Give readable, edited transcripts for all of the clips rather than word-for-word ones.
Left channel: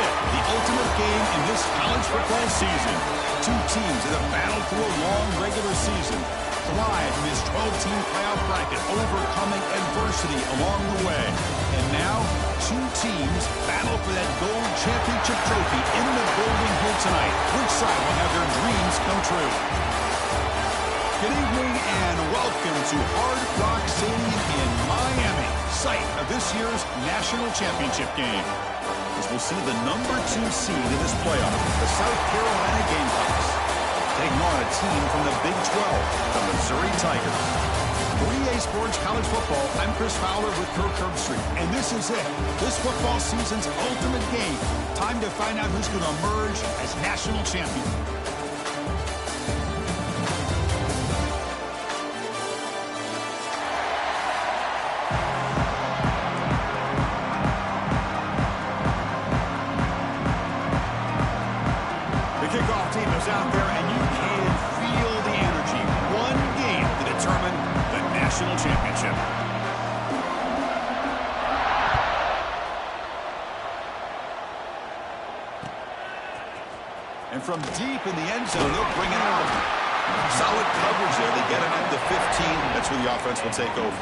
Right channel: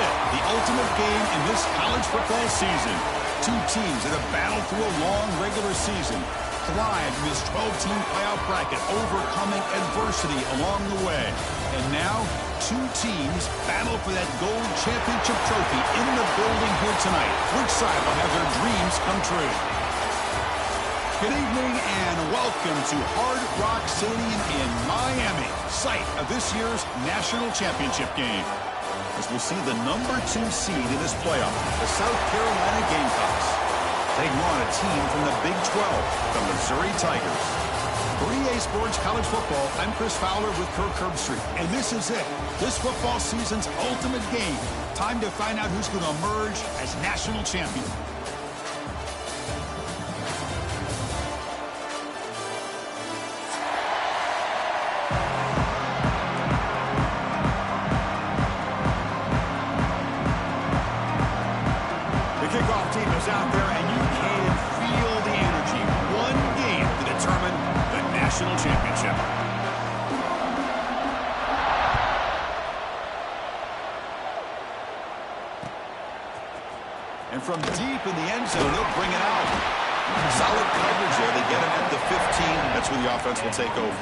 it, the ultimate game in this college football season. Two teams that have battled through a long regular season, thrived in this 12-team playoff bracket, overcoming adversity along the way. And now, two teams battle for that gold championship trophy in the building here tonight. Which side will have their dreams come true? Good evening and welcome to Hard Rock Stadium in Miami, site of this year's national championship game. As we'll see the number 2 seed in this playoff, the South Carolina Gamecocks, taking on a team from the Big 12, the Missouri Tigers. For EA Sports College Football, I'm Chris Fowler with Kirk Herbstreit, and this is it, this football season's ultimate game. Time to find out who's going to emerge as national champion. Kickoff team is out there, and you can feel the energy. One game to determine the national championship. And from deep in the end zone, they'll bring it out. Solid coverage there. They get him at the 15. That's where the offense will take over.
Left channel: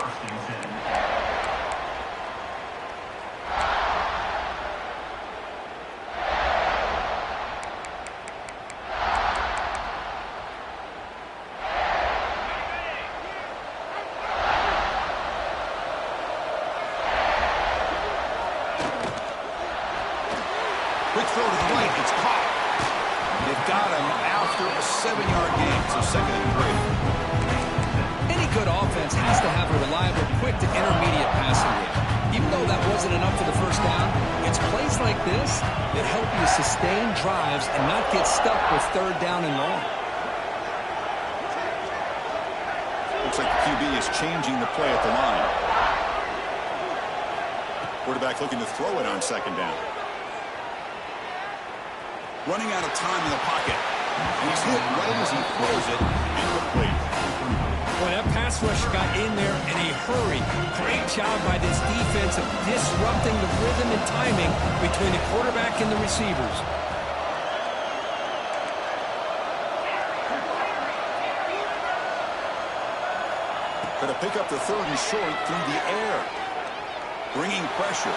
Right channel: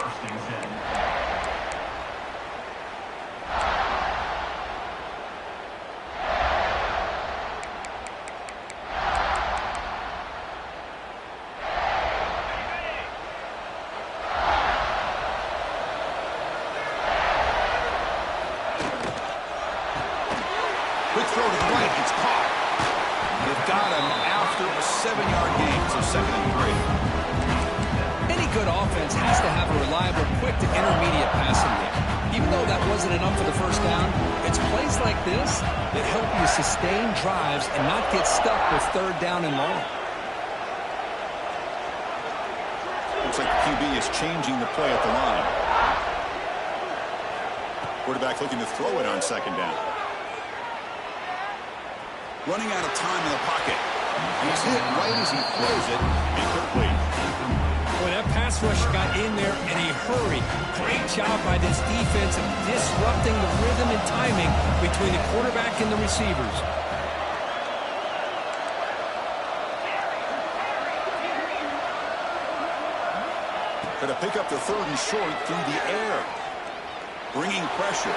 First and 10. Quick throw to the right. It's caught. They've got him after a 7-yard gain, so 2nd and 3. Any good offense has to have a reliable, quick to intermediate passing game. Even though that wasn't enough for the first down, it's plays like this that help you sustain drives and not get stuck with 3rd down and long. Looks like the QB is changing the play at the line. Quarterback looking to throw it on 2nd down. Running out of time in the pocket. And he's hit right as he throws it. Incomplete. Boy, that pass rush got in there in a hurry. Great job by this defense of disrupting the rhythm and timing between the quarterback and the receivers. Could have picked up the 3rd and short through the air. Bringing pressure.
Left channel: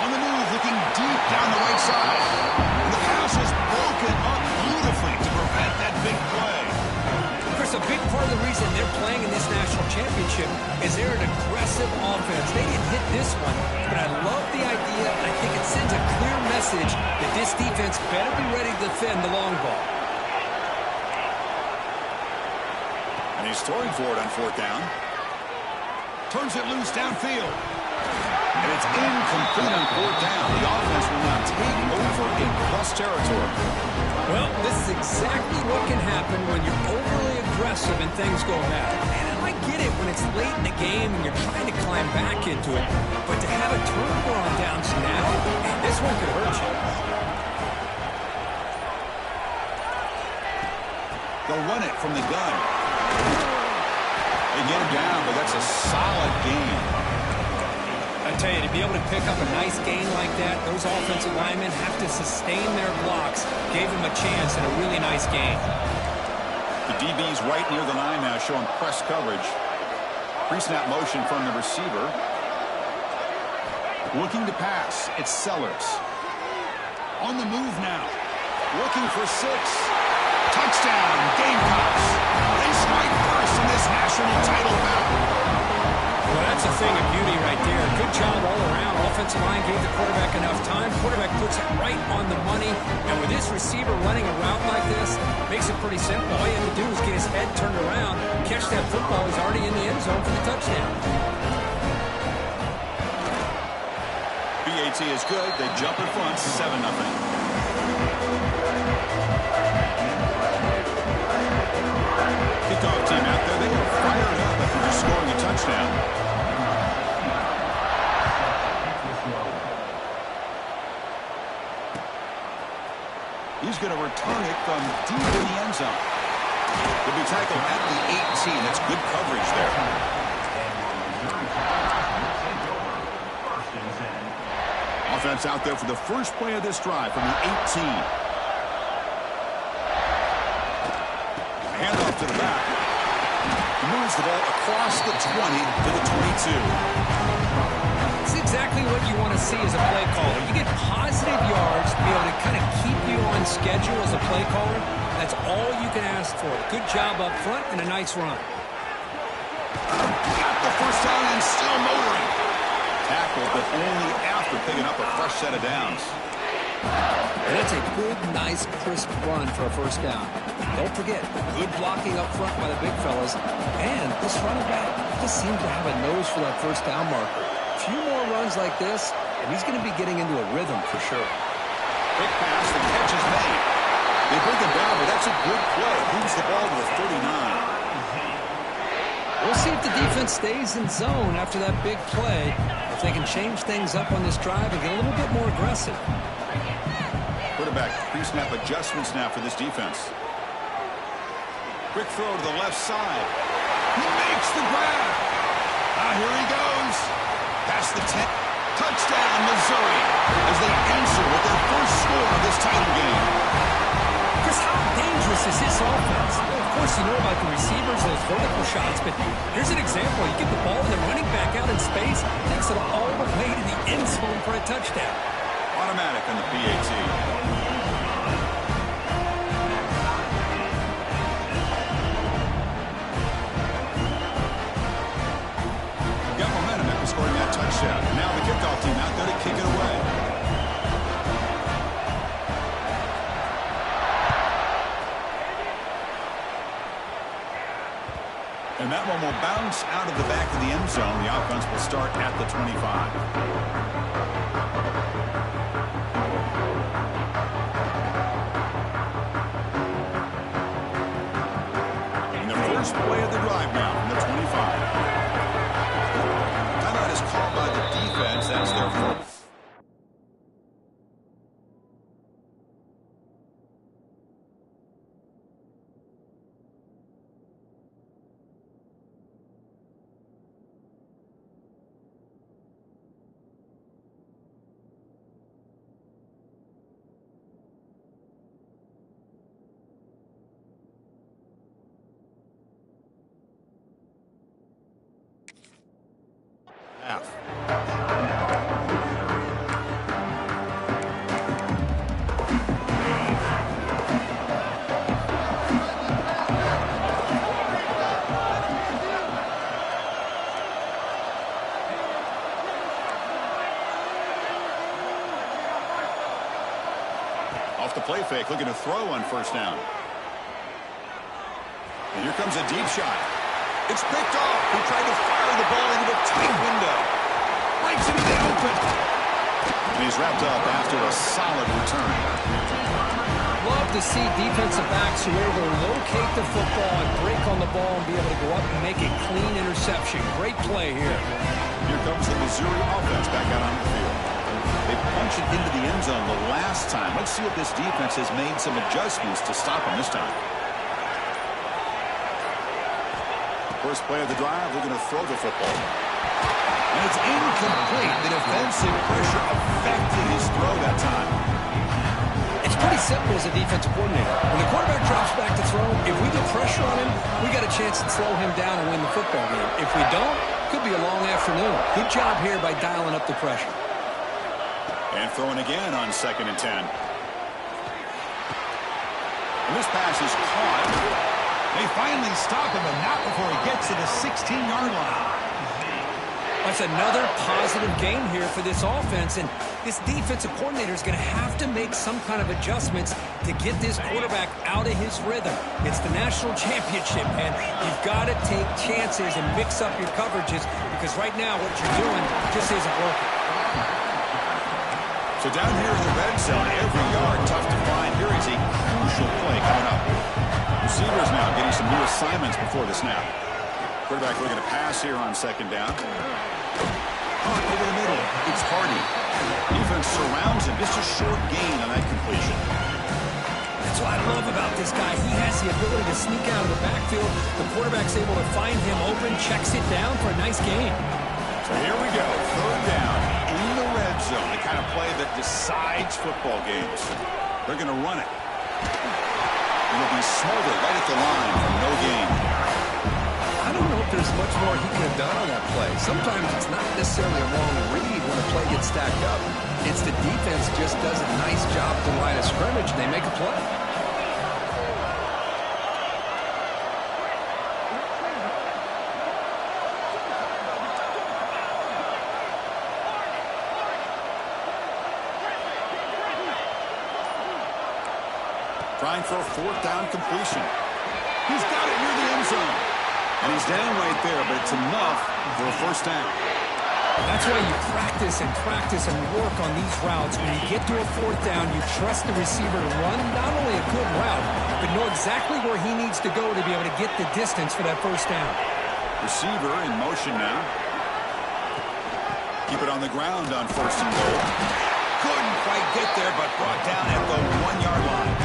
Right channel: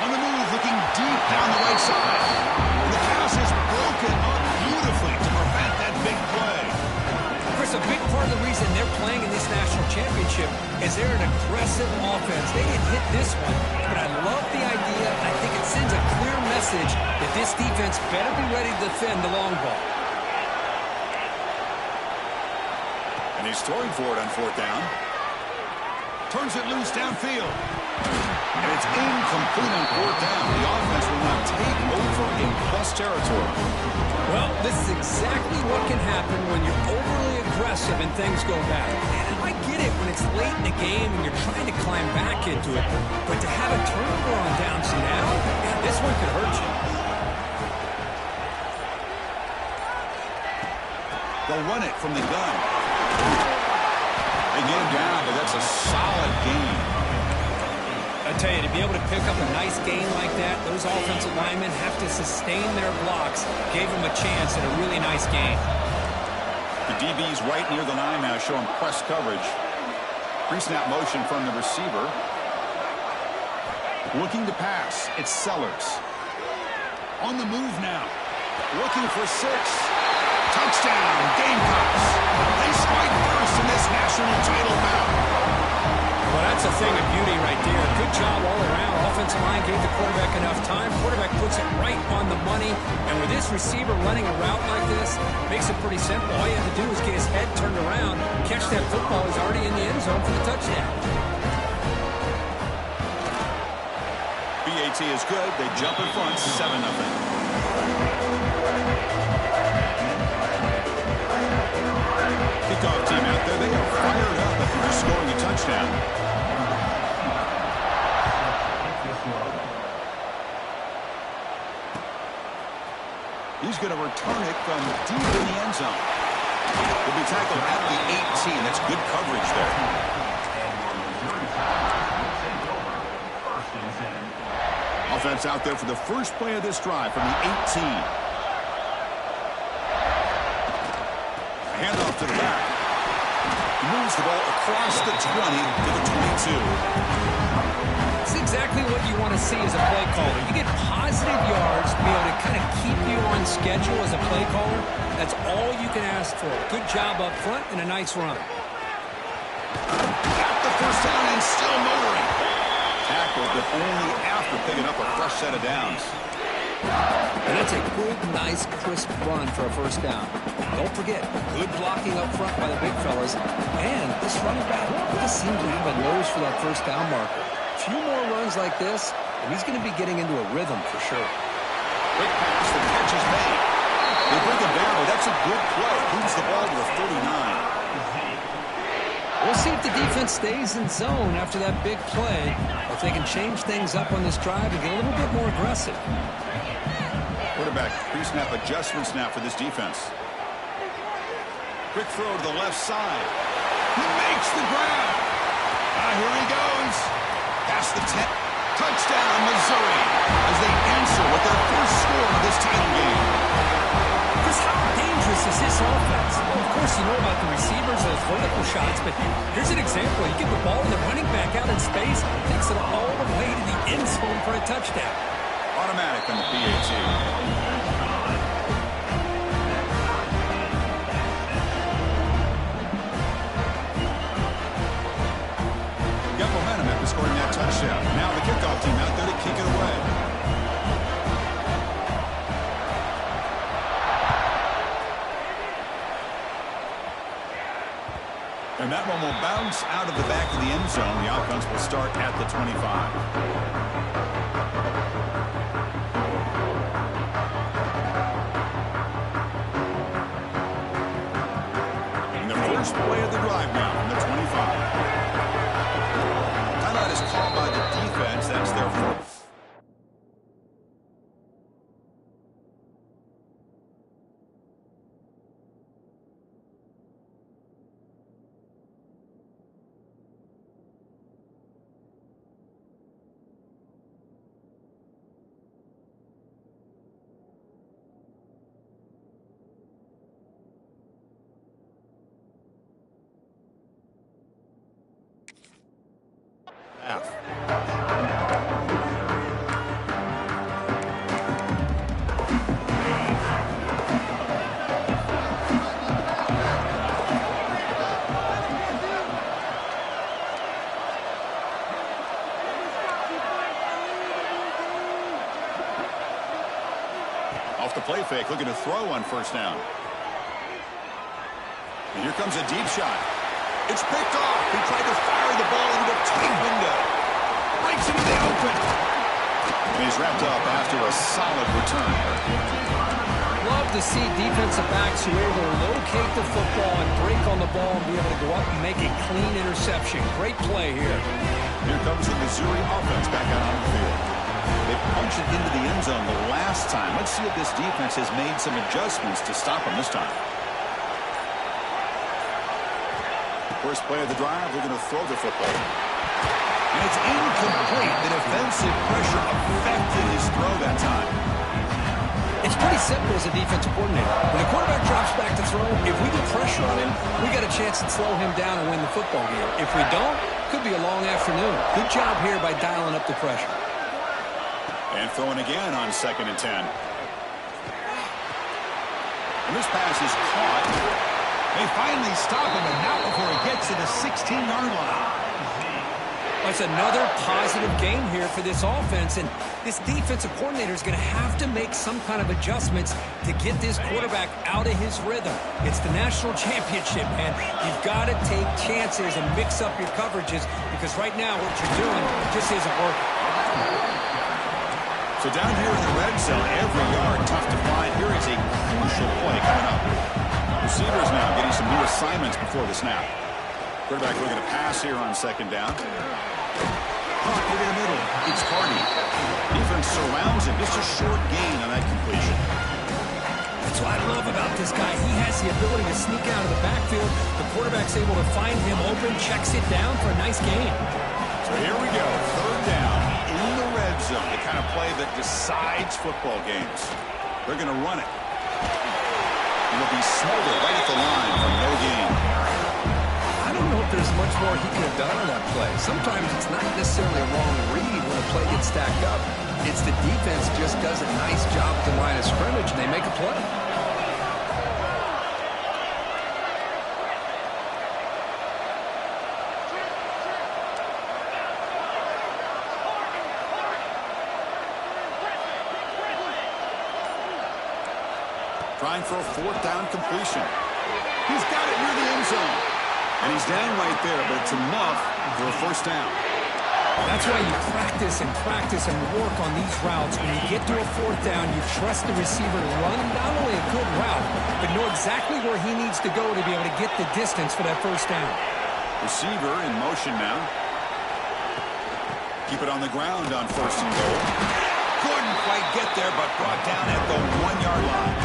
On the move, looking deep down the right side. And the pass is broken up beautifully to prevent that big play. Chris, a big part of the reason they're playing in this national championship is they're an aggressive offense. They didn't hit this one, but I love the idea. I think it sends a clear message that this defense better be ready to defend the long ball. And he's throwing for it on 4th down. Turns it loose downfield. And it's incomplete on 4th down. The offense will now take over in plus territory. Well, this is exactly what can happen when you're overly aggressive and things go bad. And I get it when it's late in the game and you're trying to climb back into it. But to have a turnover on downs now, man, this one could hurt you. They'll run it from the gun. They get him down, but that's a solid gain. I tell you, to be able to pick up a nice gain like that, those offensive linemen have to sustain their blocks. Gave him a chance at a really nice gain. The DB's right near the line now, showing press coverage. Pre-snap motion from the receiver. Looking to pass. It's Sellers. On the move now. Looking for 6. Touchdown, Gamecocks. They strike first in this national title bout. Well, that's a thing of beauty right there. Good job all around. Offensive line gave the quarterback enough time. Quarterback puts it right on the money. And with this receiver running a route like this, makes it pretty simple. All you have to do is get his head turned around, catch that football. He's already in the end zone for the touchdown. BAT is good. They jump in front, 7-0. Kickoff team out there. They are fired up after just scoring a touchdown. He's going to return it from deep in the end zone. He'll be tackled at the 18. That's good coverage there. Offense out there for the first play of this drive from the 18. A handoff to the back. He moves the ball across the 20 to the 22. It's exactly what you want to see as a play caller. You get positive yards to be able to kind of keep you on schedule as a play caller. That's all you can ask for. Good job up front and a nice run. Got the first down and still motoring. Tackled, but only after picking up a fresh set of downs. And that's a good, nice, crisp run for a first down. Don't forget, good blocking up front by the big fellas. And this running back just seems to have a nose for that first down marker. A few more runs like this, and he's going to be getting into a rhythm for sure. Quick pass, the catch is made. They bring him down, but that's a good play. Moves the ball to the 39. We'll see if the defense stays in zone after that big play, or if they can change things up on this drive and get a little bit more aggressive. Quarterback pre-snap adjustments now for this defense. Quick throw to the left side. He makes the grab. Here he goes. Past the 10. Touchdown, Missouri, as they answer with their first score of this title game. Chris, how dangerous is this offense? Well, of course, you know about the receivers, those vertical shots, but here's an example. You get the ball and the running back out in space, takes it all the way to the end zone for a touchdown. Automatic on the PAT. Got momentum after scoring that touchdown. Now the kickoff team out there to kick it away. And that one will bounce out of the back of the end zone. The offense will start at the 25. And the first play of the drive now from the 25. Timeout is called by the defense. That's their fourth. Off the play fake, looking to throw on first down. And here comes a deep shot. It's picked off. He tried to fire the ball into a tight window. Breaks into the open. And he's wrapped up after a solid return. Love to see defensive backs who are able to locate the football and break on the ball and be able to go up and make a clean interception. Great play here. Here comes the Missouri offense back out on the field. They punched it into the end zone the last time. Let's see if this defense has made some adjustments to stop them this time. First play of the drive, they're going to throw the football. And it's incomplete. The defensive pressure affected his throw that time. It's pretty simple as a defensive coordinator. When the quarterback drops back to throw, if we get pressure on him, we got a chance to slow him down and win the football game. If we don't, could be a long afternoon. Good job here by dialing up the pressure. And throwing again on 2nd and 10. And this pass is caught. They finally stop him, but not before he gets to the 16-yard line. That's another positive game here for this offense, and this defensive coordinator is going to have to make some kind of adjustments to get this quarterback out of his rhythm. It's the national championship, and you've got to take chances and mix up your coverages, because right now what you're doing just isn't working. So down here in the red zone, every yard tough to find. Here is a crucial play coming up. Receivers now getting some new assignments before the snap. Quarterback looking to pass here on 2nd down. Caught over the middle. It's Hardy. Defense surrounds him. Just a short gain on that completion. That's what I love about this guy. He has the ability to sneak out of the backfield. The quarterback's able to find him open, checks it down for a nice gain. So here we go. 3rd down in the red zone, the kind of play that decides football games. They're going to run it. It'll be smothered right at the line for no gain. I don't know if there's much more he could have done on that play. Sometimes it's not necessarily a wrong read when a play gets stacked up. It's the defense just does a nice job at the line of scrimmage, and they make a play. Trying for a fourth down completion. He's got it near the end zone. And he's down right there, but it's enough for a first down. That's why you practice and work on these routes. When you get to a fourth down, you trust the receiver to run not only a good route, but know exactly where he needs to go to be able to get the distance for that first down. Receiver in motion now. Keep it on the ground on first and goal. Couldn't quite get there, but brought down at the 1-yard line.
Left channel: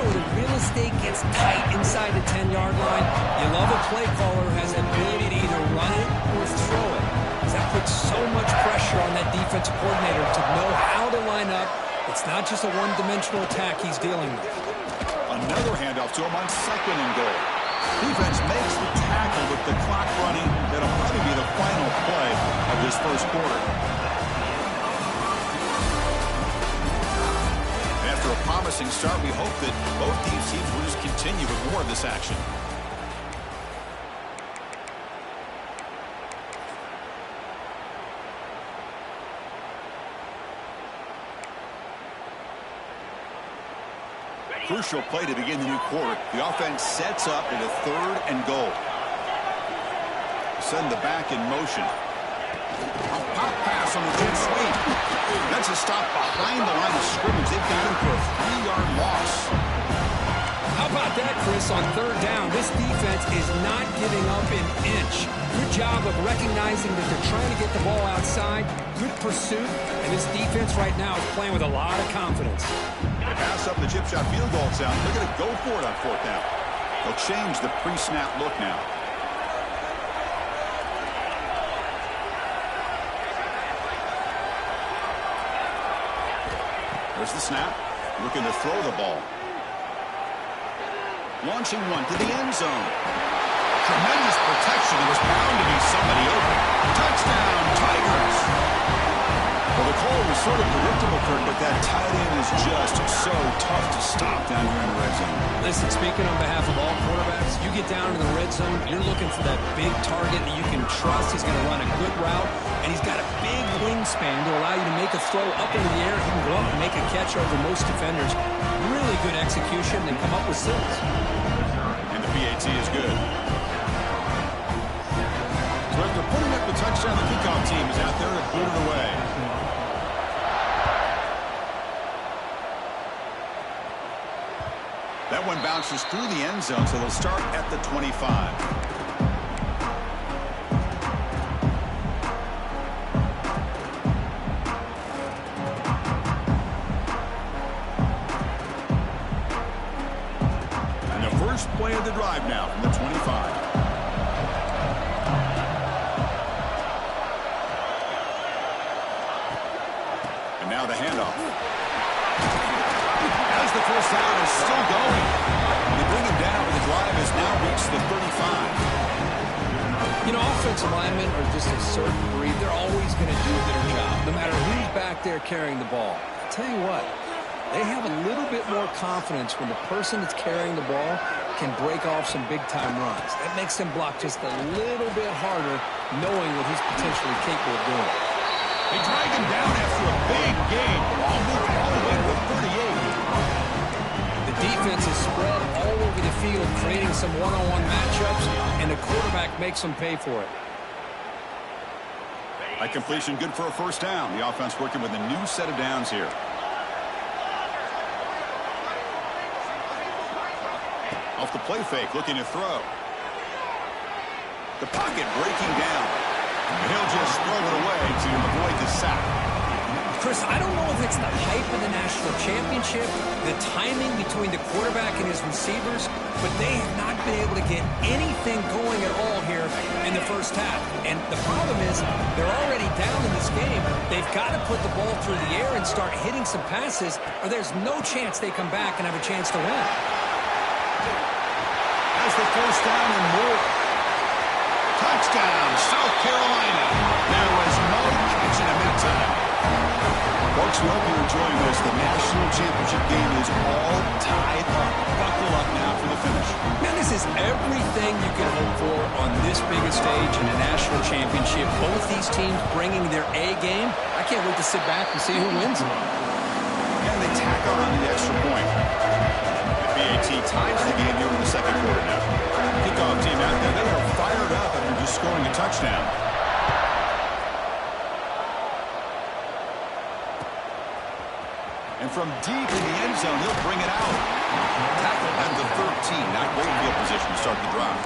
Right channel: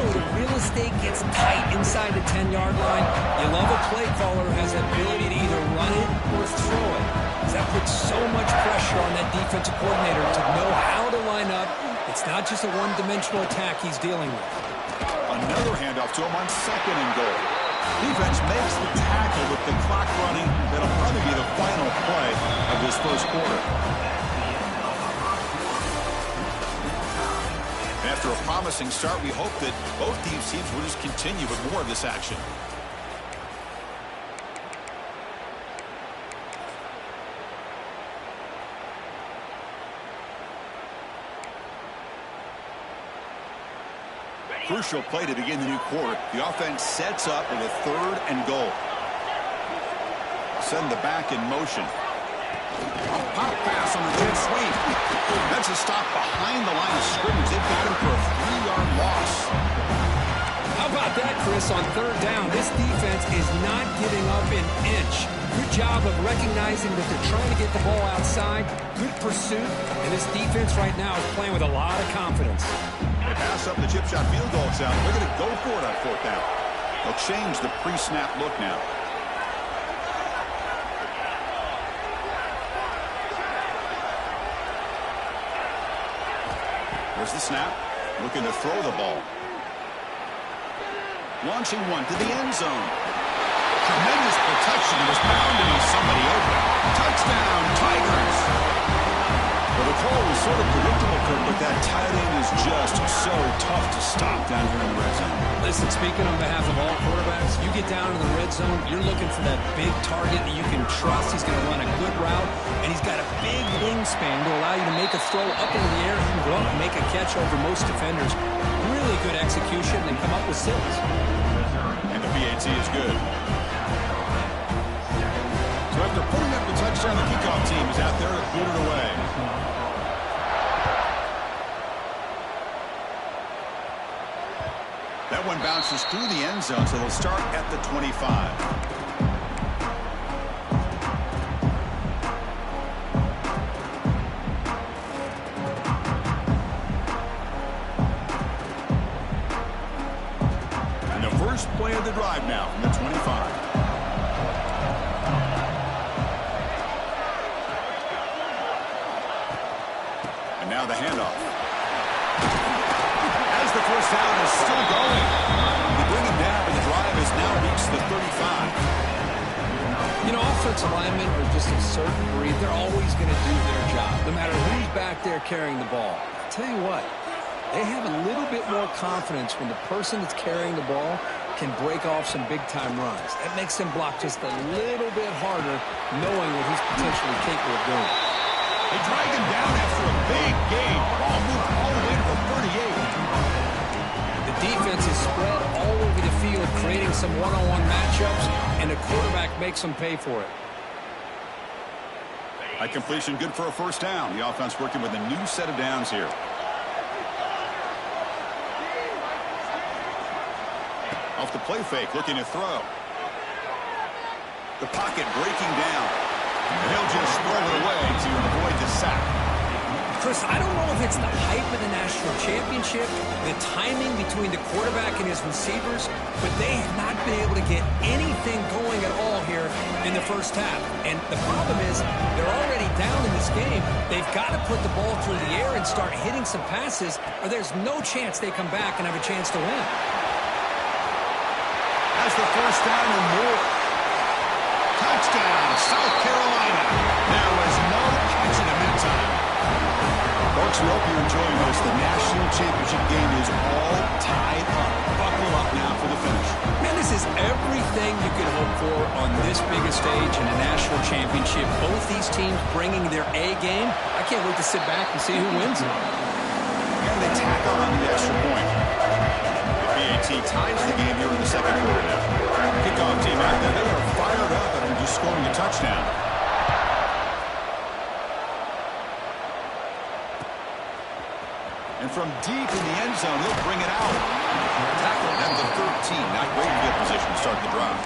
When the real estate gets tight inside the 10-yard line, you love a play caller who has the ability to either run it or throw it. Because that puts so much pressure on that defensive coordinator to know how to line up. It's not just a one-dimensional attack he's dealing with. Another handoff to him on second and goal. Defense makes the tackle with the clock running. That'll probably be the final play of this first quarter. After a promising start, we hope that both these teams will just continue with more of this action. Crucial play to begin the new quarter. The offense sets up with a third and goal. Send the back in motion. A pop pass on the jet sweep. That's a stop behind the line of scrimmage. They've got him for a 3-yard loss. How about that, Chris, on third down? This defense is not giving up an inch. Good job of recognizing that they're trying to get the ball outside. Good pursuit. And this defense right now is playing with a lot of confidence. They pass up the chip shot field goal sound. They're going to go for it on fourth down. They'll change the pre-snap look now. There's the snap. Looking to throw the ball. Launching one to the end zone. Tremendous protection. There was bound to be somebody open. Touchdown, Tigers! Well, the call was sort of predictable, Kirk, but that tight end is just so tough to stop down here in the red zone. Listen, speaking on behalf of all quarterbacks, you get down to the red zone, you're looking for that big target that you can trust. He's going to run a good route, and he's got a big wingspan to allow you to make a throw up into the air. He can go up and make a catch over most defenders. Really good execution and come up with six. And the PAT is good. So after putting up the touchdown, the kickoff team is out there to boot it away. That one bounces through the end zone, so they'll start at the 25. And the first play of the drive now from the 25. And now the handoff. As the first down is still going. They bring him down, but the drive has now reached the 35. You know, offensive linemen are just a certain breed. They're always going to do their job, no matter who's back there carrying the ball. I'll tell you what, they have a little bit more confidence when the person that's carrying the ball can break off some big-time runs. That makes them block just a little bit harder, knowing what he's potentially capable of doing. They drag him down after a big gain. Ball moved all the way to the 38. The defense is spread all over the field, creating some one-on-one matchups, and the quarterback makes them pay for it. That completion good for a first down. The offense working with a new set of downs here. Off the play fake, looking to throw. The pocket breaking down. And he'll just throw it away to avoid the sack. Chris, I don't know if it's the hype of the national championship, the timing between the quarterback and his receivers, but they have not been able to get anything going at all here in the first half. And the problem is they're already down in this game. They've got to put the ball through the air and start hitting some passes, or there's no chance they come back and have a chance to win. Has the first down and more. Touchdown, South Carolina. There was no catching him that time. Folks, we hope you're enjoying this. The national championship game is all tied up. Buckle up now for the finish. Man, this is everything you could hope for on this biggest stage in a national championship. Both these teams bringing their A game. I can't wait to sit back and see who wins it. And they tack on the extra point. The BAT ties the game here in the second quarter now. Kickoff team out there. They are fired up after just scoring a touchdown. And from deep in the end zone, he'll bring it out. Tackle at the 13. Not great field position to start the drive.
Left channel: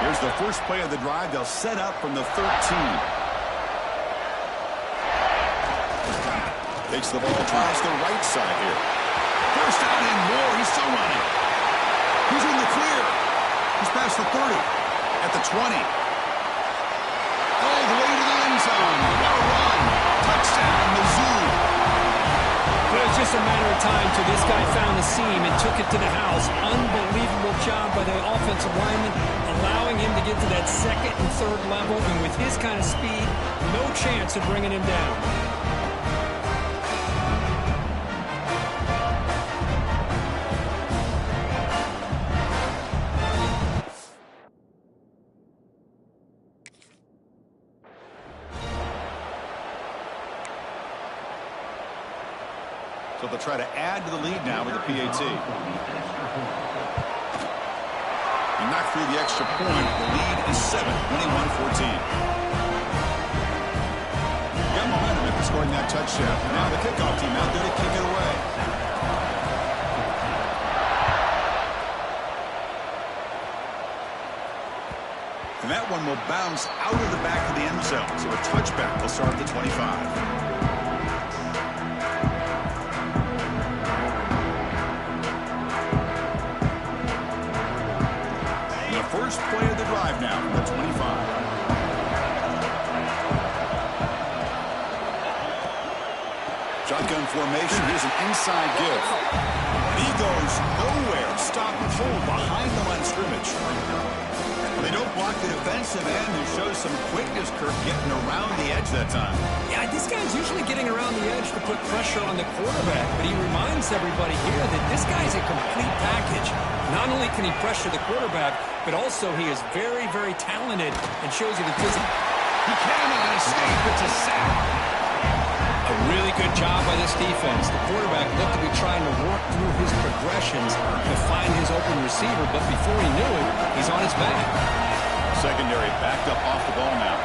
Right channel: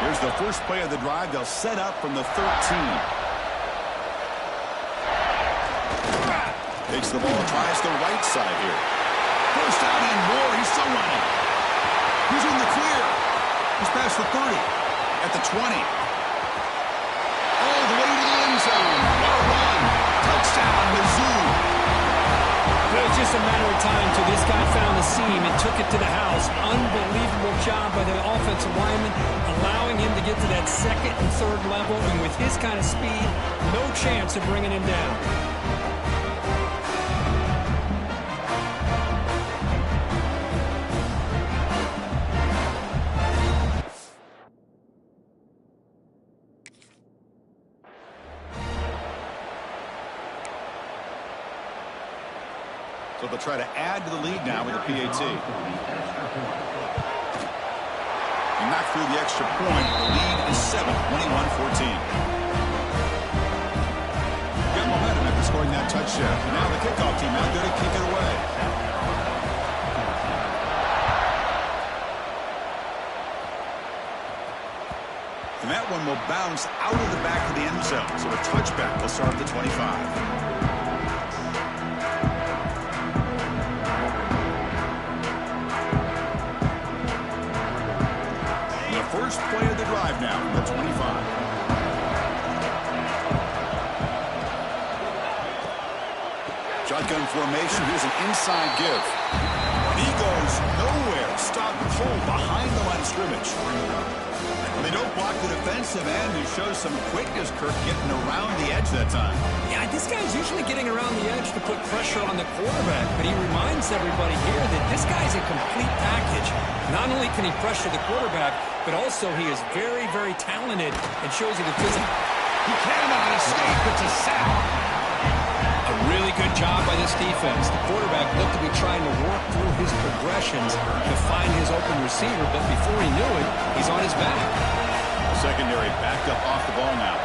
Here's the first play of the drive. They'll set up from the 13. Takes the ball, tries the right side here. First down and more. He's still running. He's in the clear. He's past the 30. At the 20. All the way to the end zone. What a run. Touchdown, Mizzou. Well, it's just a matter of time till this guy found the seam and took it to the house. Unbelievable job by the offensive lineman, allowing him to get to that second and third level. And with his kind of speed, no chance of bringing him down. So they'll try to add to the lead now with the PAT. He knocked through the extra point. The lead is 7, 21-14. Got momentum after scoring that touchdown. Now the kickoff team out there to kick it away. And that one will bounce out of the back of the end zone. So a touchback will start at the 25. First play of the drive now from the 25. Shotgun formation. Here's an inside give. And he goes nowhere. Stop cold behind the line of scrimmage. Well, they don't block the defensive end, who shows some quickness, Kirk, getting around the edge that time. Yeah, this guy's usually getting around the edge to put pressure on the quarterback, but he reminds everybody here that this guy's a complete package. Not only can he pressure the quarterback, but also he is very, very talented and shows you the physical. He cannot escape. It's a sack. A really good job by this defense. The quarterback looked to be trying to work through his progressions to find his open receiver, but before he knew it, he's on his back. Secondary backed up off the ball now.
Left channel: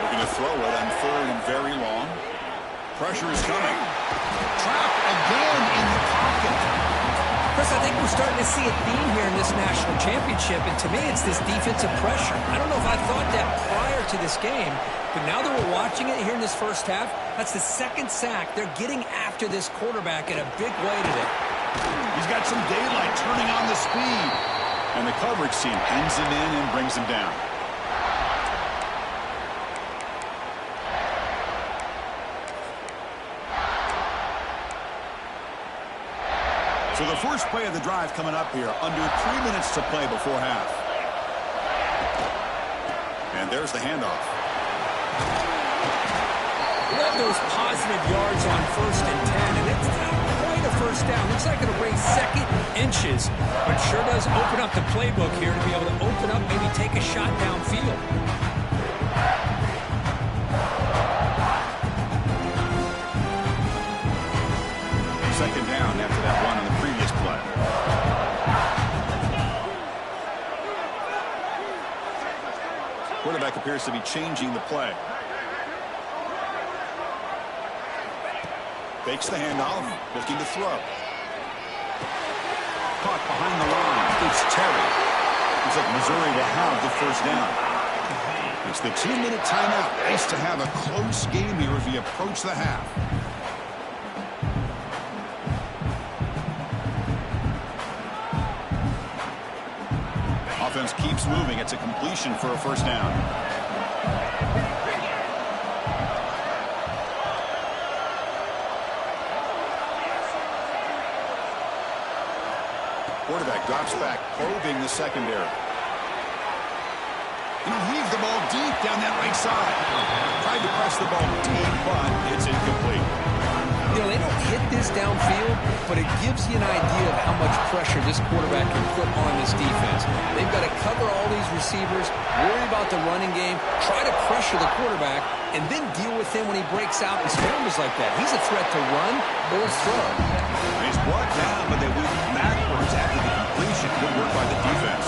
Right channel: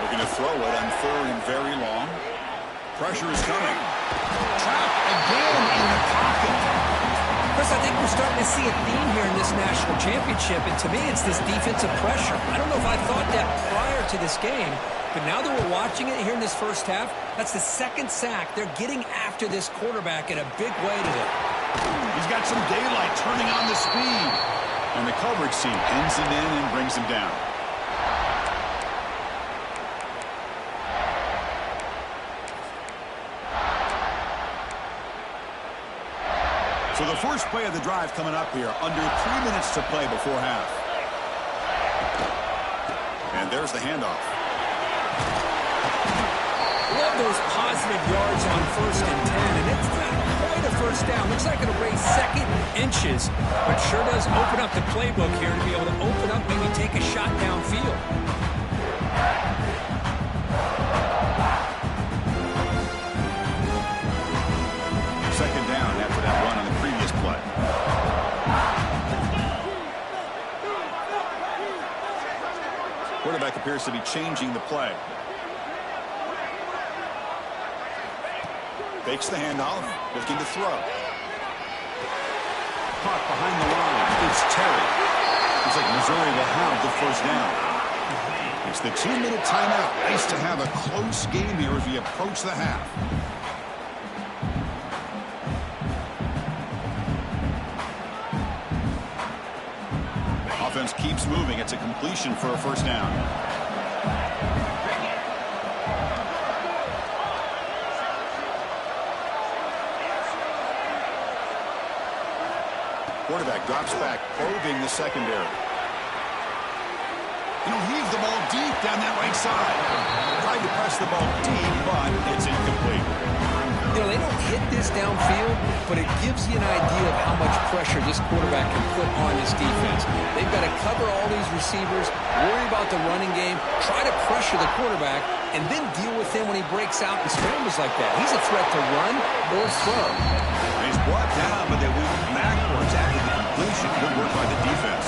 Looking to throw it on third and very long. Pressure is coming. Trapped again in the pocket. Chris, I think we're starting to see a theme here in this national championship, and to me it's this defensive pressure. I don't know if I thought that prior to this game, but now that we're watching it here in this first half, that's the second sack. They're getting after this quarterback in a big way today. He's got some daylight turning on the speed. And the coverage team pins him in and brings him down. So the first play of the drive coming up here. Under 3 minutes to play before half. And there's the handoff. Love those positive yards on 1st and 10, and it's not quite a first down. Looks like it'll raise second inches, but sure does open up the playbook here to be able to open up, maybe take a shot downfield. Second down after that run on the previous play. quarterback appears to be changing the play. Fakes the handoff, looking to throw. Caught behind the line. It's Terry. Looks like Missouri will have the first down. It's the 2-minute timeout. Nice to have a close game here as we approach the half. Offense keeps moving. It's a completion for a first down. Quarterback drops back, probing the secondary. He'll heave the ball deep down that right side. Tried to press the ball deep, but it's incomplete. You know, they don't hit this downfield, but it gives you an idea of how much pressure this quarterback can put on this defense. They've got to cover all these receivers, worry about the running game, try to pressure the quarterback, and then deal with him when he breaks out and scrambles like that. He's a threat to run or throw. He's brought down, but they went backwards after the completion. Good work by the defense.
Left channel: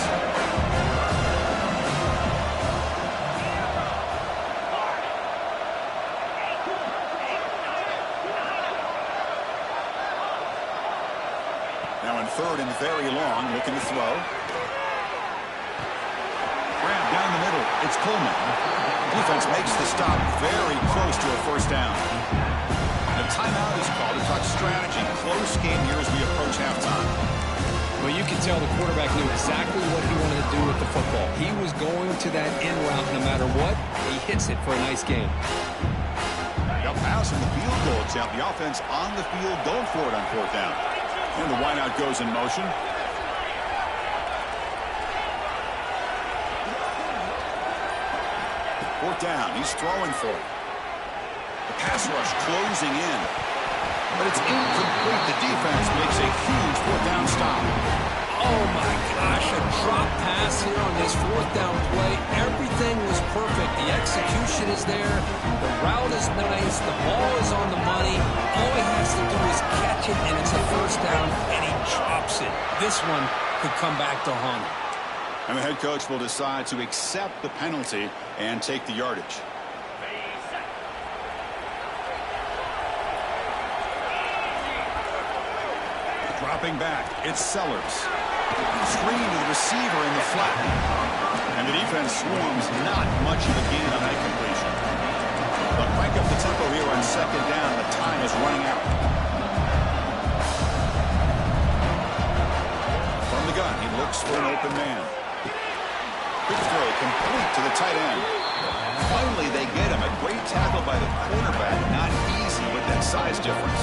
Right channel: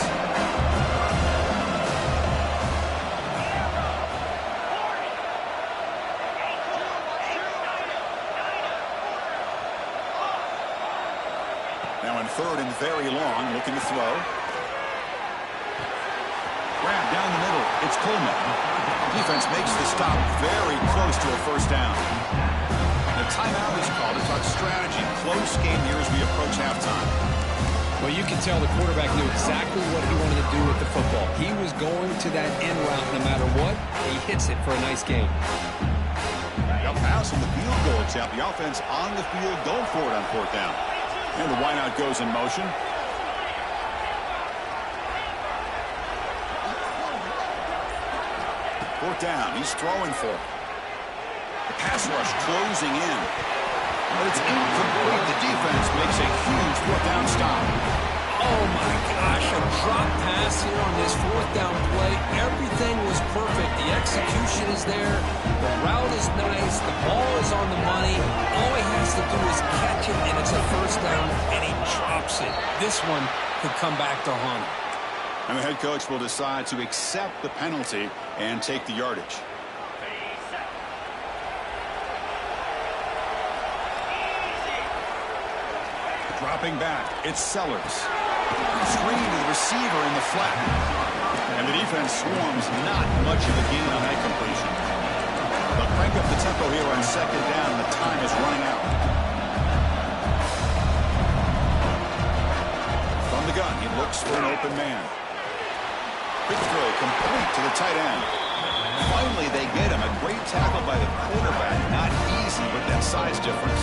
Now in third and very long, looking to throw. Grab down the middle. It's Coleman. Defense makes the stop very close to a first down. And a timeout is called to talk strategy. Close game here as we approach halftime. Well, you can tell the quarterback knew exactly what he wanted to do with the football. He was going to that end route no matter what. He hits it for a nice game. They'll pass from the field goal attempt. The offense on the field going for it on fourth down. And the wideout goes in motion. Fourth down. He's throwing for it. The pass rush closing in. But it's incomplete. The defense makes a huge fourth down stop. Oh, my gosh. A drop pass here on this fourth down play. Everything was perfect. The execution is there. The route is nice. The ball is on the money. All he has to do is catch it, and it's a first down, and he drops it. This one could come back to haunt him. And the head coach will decide to accept the penalty and take the yardage. Dropping back, it's Sellers. Screen to the receiver in the flat. And the defense swarms, not much of a gain on that completion. They'll crank up the tempo here on second down. The time is running out. From the gun, he looks for an open man. Quick throw, complete to the tight end. Finally, they get him. A great tackle by the quarterback. Not easy with that size difference.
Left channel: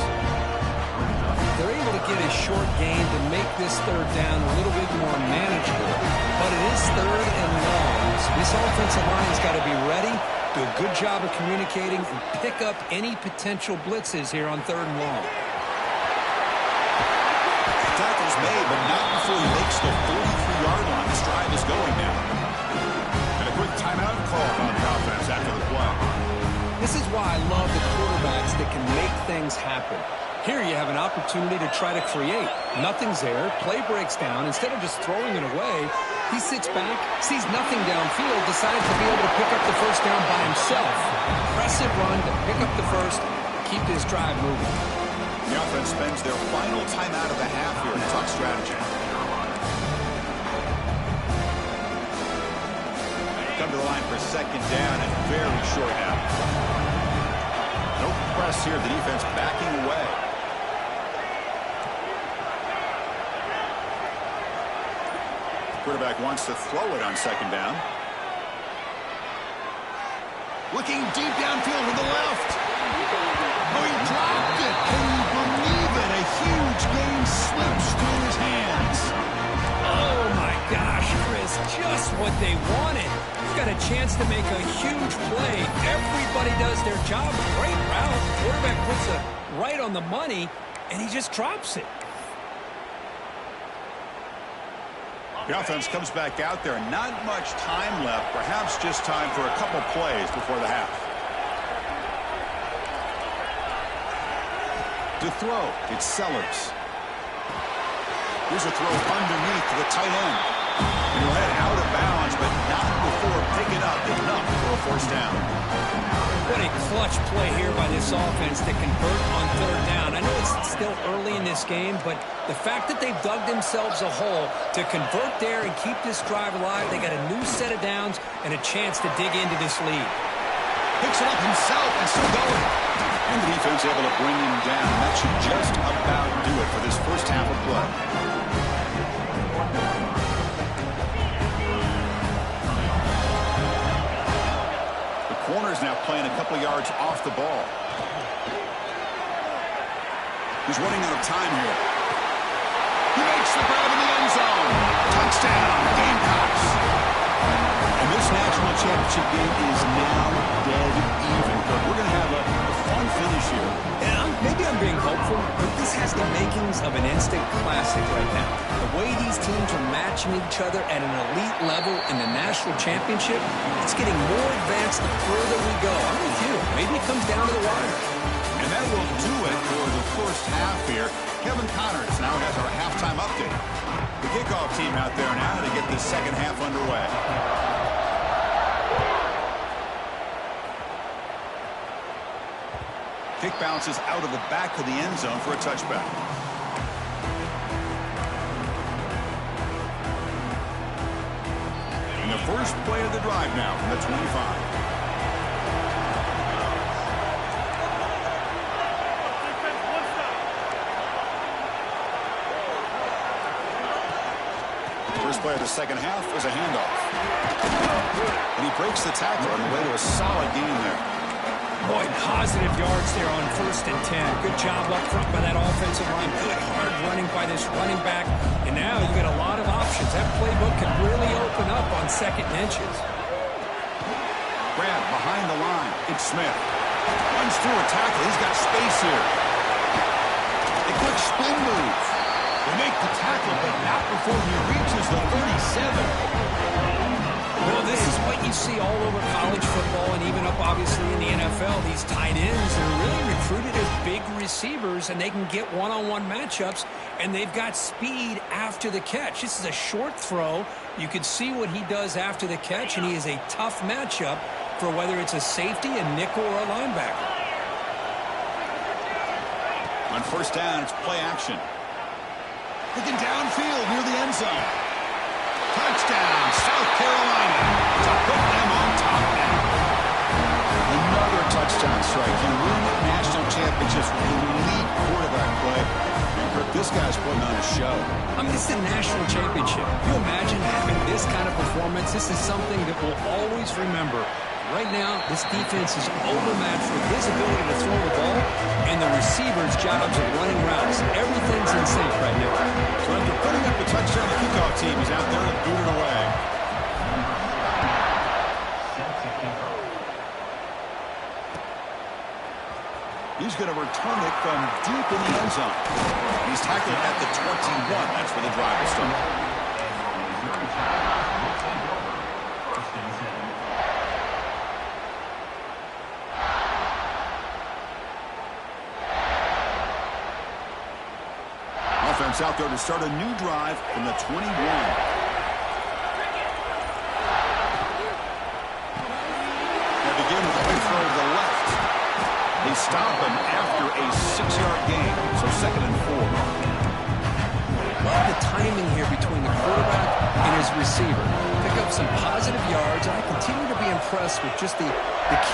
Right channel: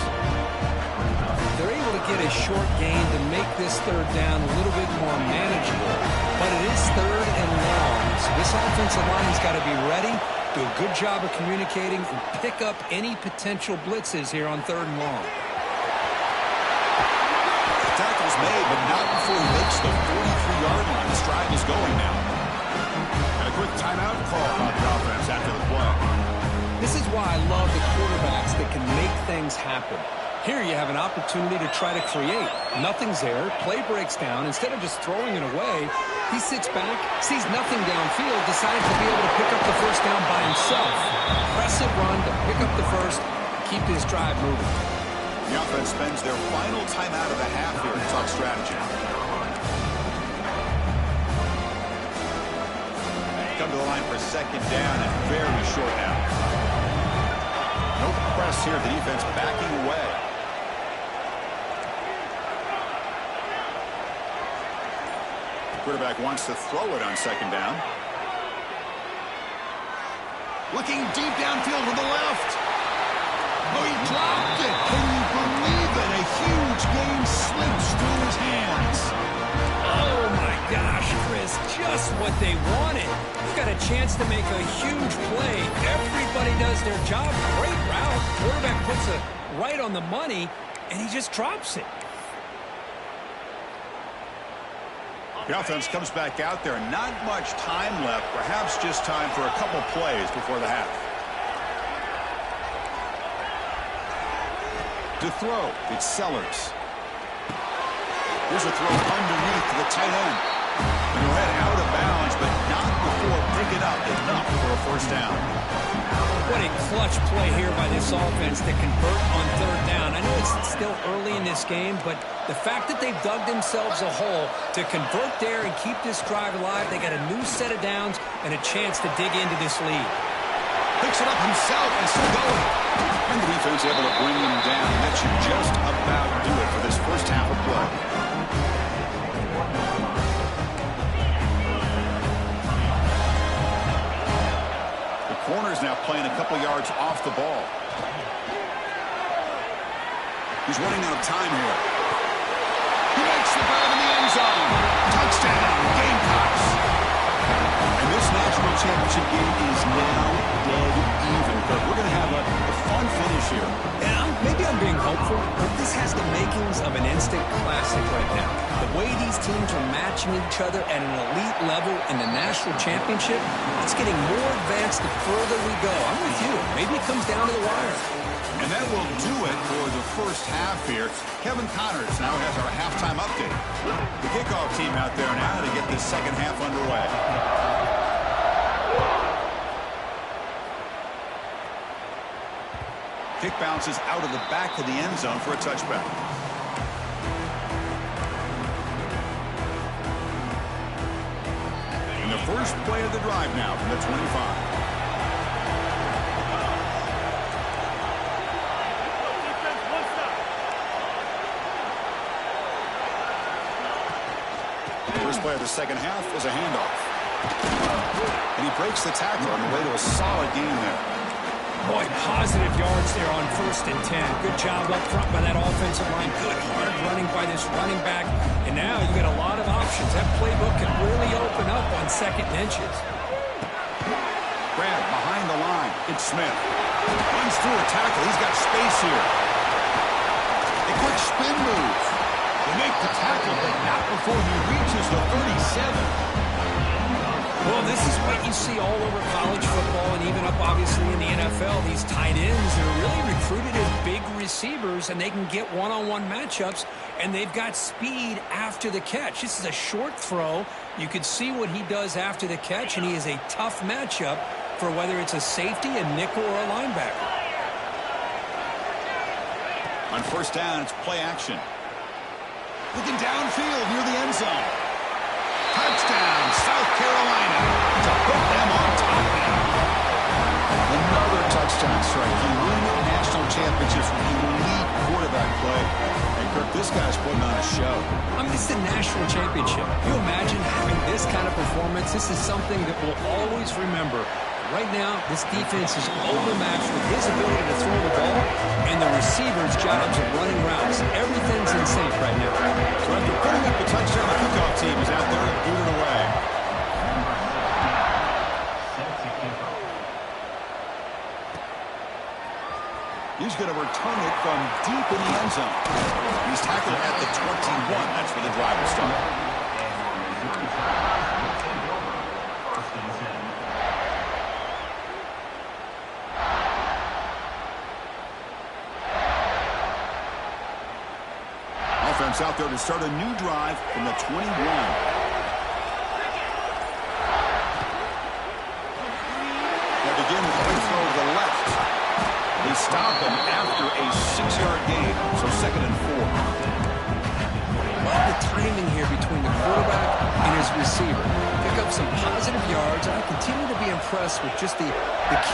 They're able to get a short gain to make this third down a little bit more manageable. But it is third and long, so this offensive line's got to be ready, do a good job of communicating, and pick up any potential blitzes here on third and long. Tackle's made, but not before he makes the 43-yard line. This drive is going now. And a quick timeout call on the offense after the play. This is why I love the quarterbacks that can make things happen. Here you have an opportunity to try to create. Nothing's there. Play breaks down. Instead of just throwing it away, he sits back, sees nothing downfield, decides to be able to pick up the first down by himself. Impressive run to pick up the first, keep this drive moving. The offense spends their final timeout of the half here to talk strategy. Come to the line for second down and very short now. No press here. The defense backing away. Quarterback wants to throw it on second down. Looking deep downfield to the left. Oh, he dropped it. Can you believe it? A huge game slips through his hands. Oh, my gosh, Chris, just what they wanted. You've got a chance to make a huge play. Everybody does their job. Great route. Quarterback puts it right on the money, and he just drops it. The offense comes back out there. Not much time left. Perhaps just time for a couple plays before the half. To throw, it's Sellers. Here's a throw underneath to the tight end. And he'll head out of bounds, but not before picking up enough for a first down. What a clutch play here by this offense to convert on third down. I know it's still early in this game, but the fact that they've dug themselves a hole to convert there and keep this drive alive, they got a new set of downs and a chance to dig into this lead. Picks it up himself and still going. And the defense able to bring him down. That should just about do it for this first half of play. The corner's now playing a couple yards off the ball. He's running out of time here. He makes the grab in the end zone. Touchdown, Gamecocks. And this national championship game is now dead even. We're going to have a fun finish here. And maybe I'm being hopeful, but this has the makings of an instant classic right now. The way these teams are matching each other at an elite level in the national championship, it's getting more advanced the further we go. I'm with you. Maybe it comes down to the wire. And that will do it for the first half here. Kevin Connors now has our halftime update. The kickoff team out there now to get this second half underway. Kick bounces out of the back of the end zone for a touchback. And the first play of the drive now from the 25. First play of the second half is a handoff. And he breaks the tackle on the way to a solid gain there. Boy, positive yards there on 1st and 10. Good job up front by that offensive line. Good hard running by this running back. And now you got a lot of options. That playbook can really open up on second and inches. Grab behind the line. It's Smith. Runs through a tackle. He's got space here. A quick spin move. They make the tackle, but not before he reaches the 37. Well, this is what you see all over college football and even up, obviously, in the NFL. These tight ends are really recruited as big receivers, and they can get one-on-one matchups, and they've got speed after the catch. This is a short throw. You can see what he does after the catch, and he is a tough matchup for whether it's a safety, a nickel, or a linebacker. On first down, it's play action. Looking downfield near the end zone. Touchdown, South Carolina, to put them on top now. Another touchdown strike. You win national championships with elite quarterback play. And, Kirk, this guy's putting on a show. I mean, it's a national championship. You imagine having this kind of performance? This is something that we'll always remember. Right now, this defense is overmatched with his ability to throw the ball and the receivers' jobs of running routes. Everything's in sync right now. So after putting up the touchdown, the kickoff team is out there to boot it away. He's going to return it from deep in the end zone. He's tackled at the 21. That's where the drive will start. Offense out there to start a new drive from the 21. They begin with a quick throw to the left. They stop him after a 6-yard gain, so 2nd and 4. Love the timing here between the quarterback and his receiver. Pick up some positive yards, and I continue to be impressed with just the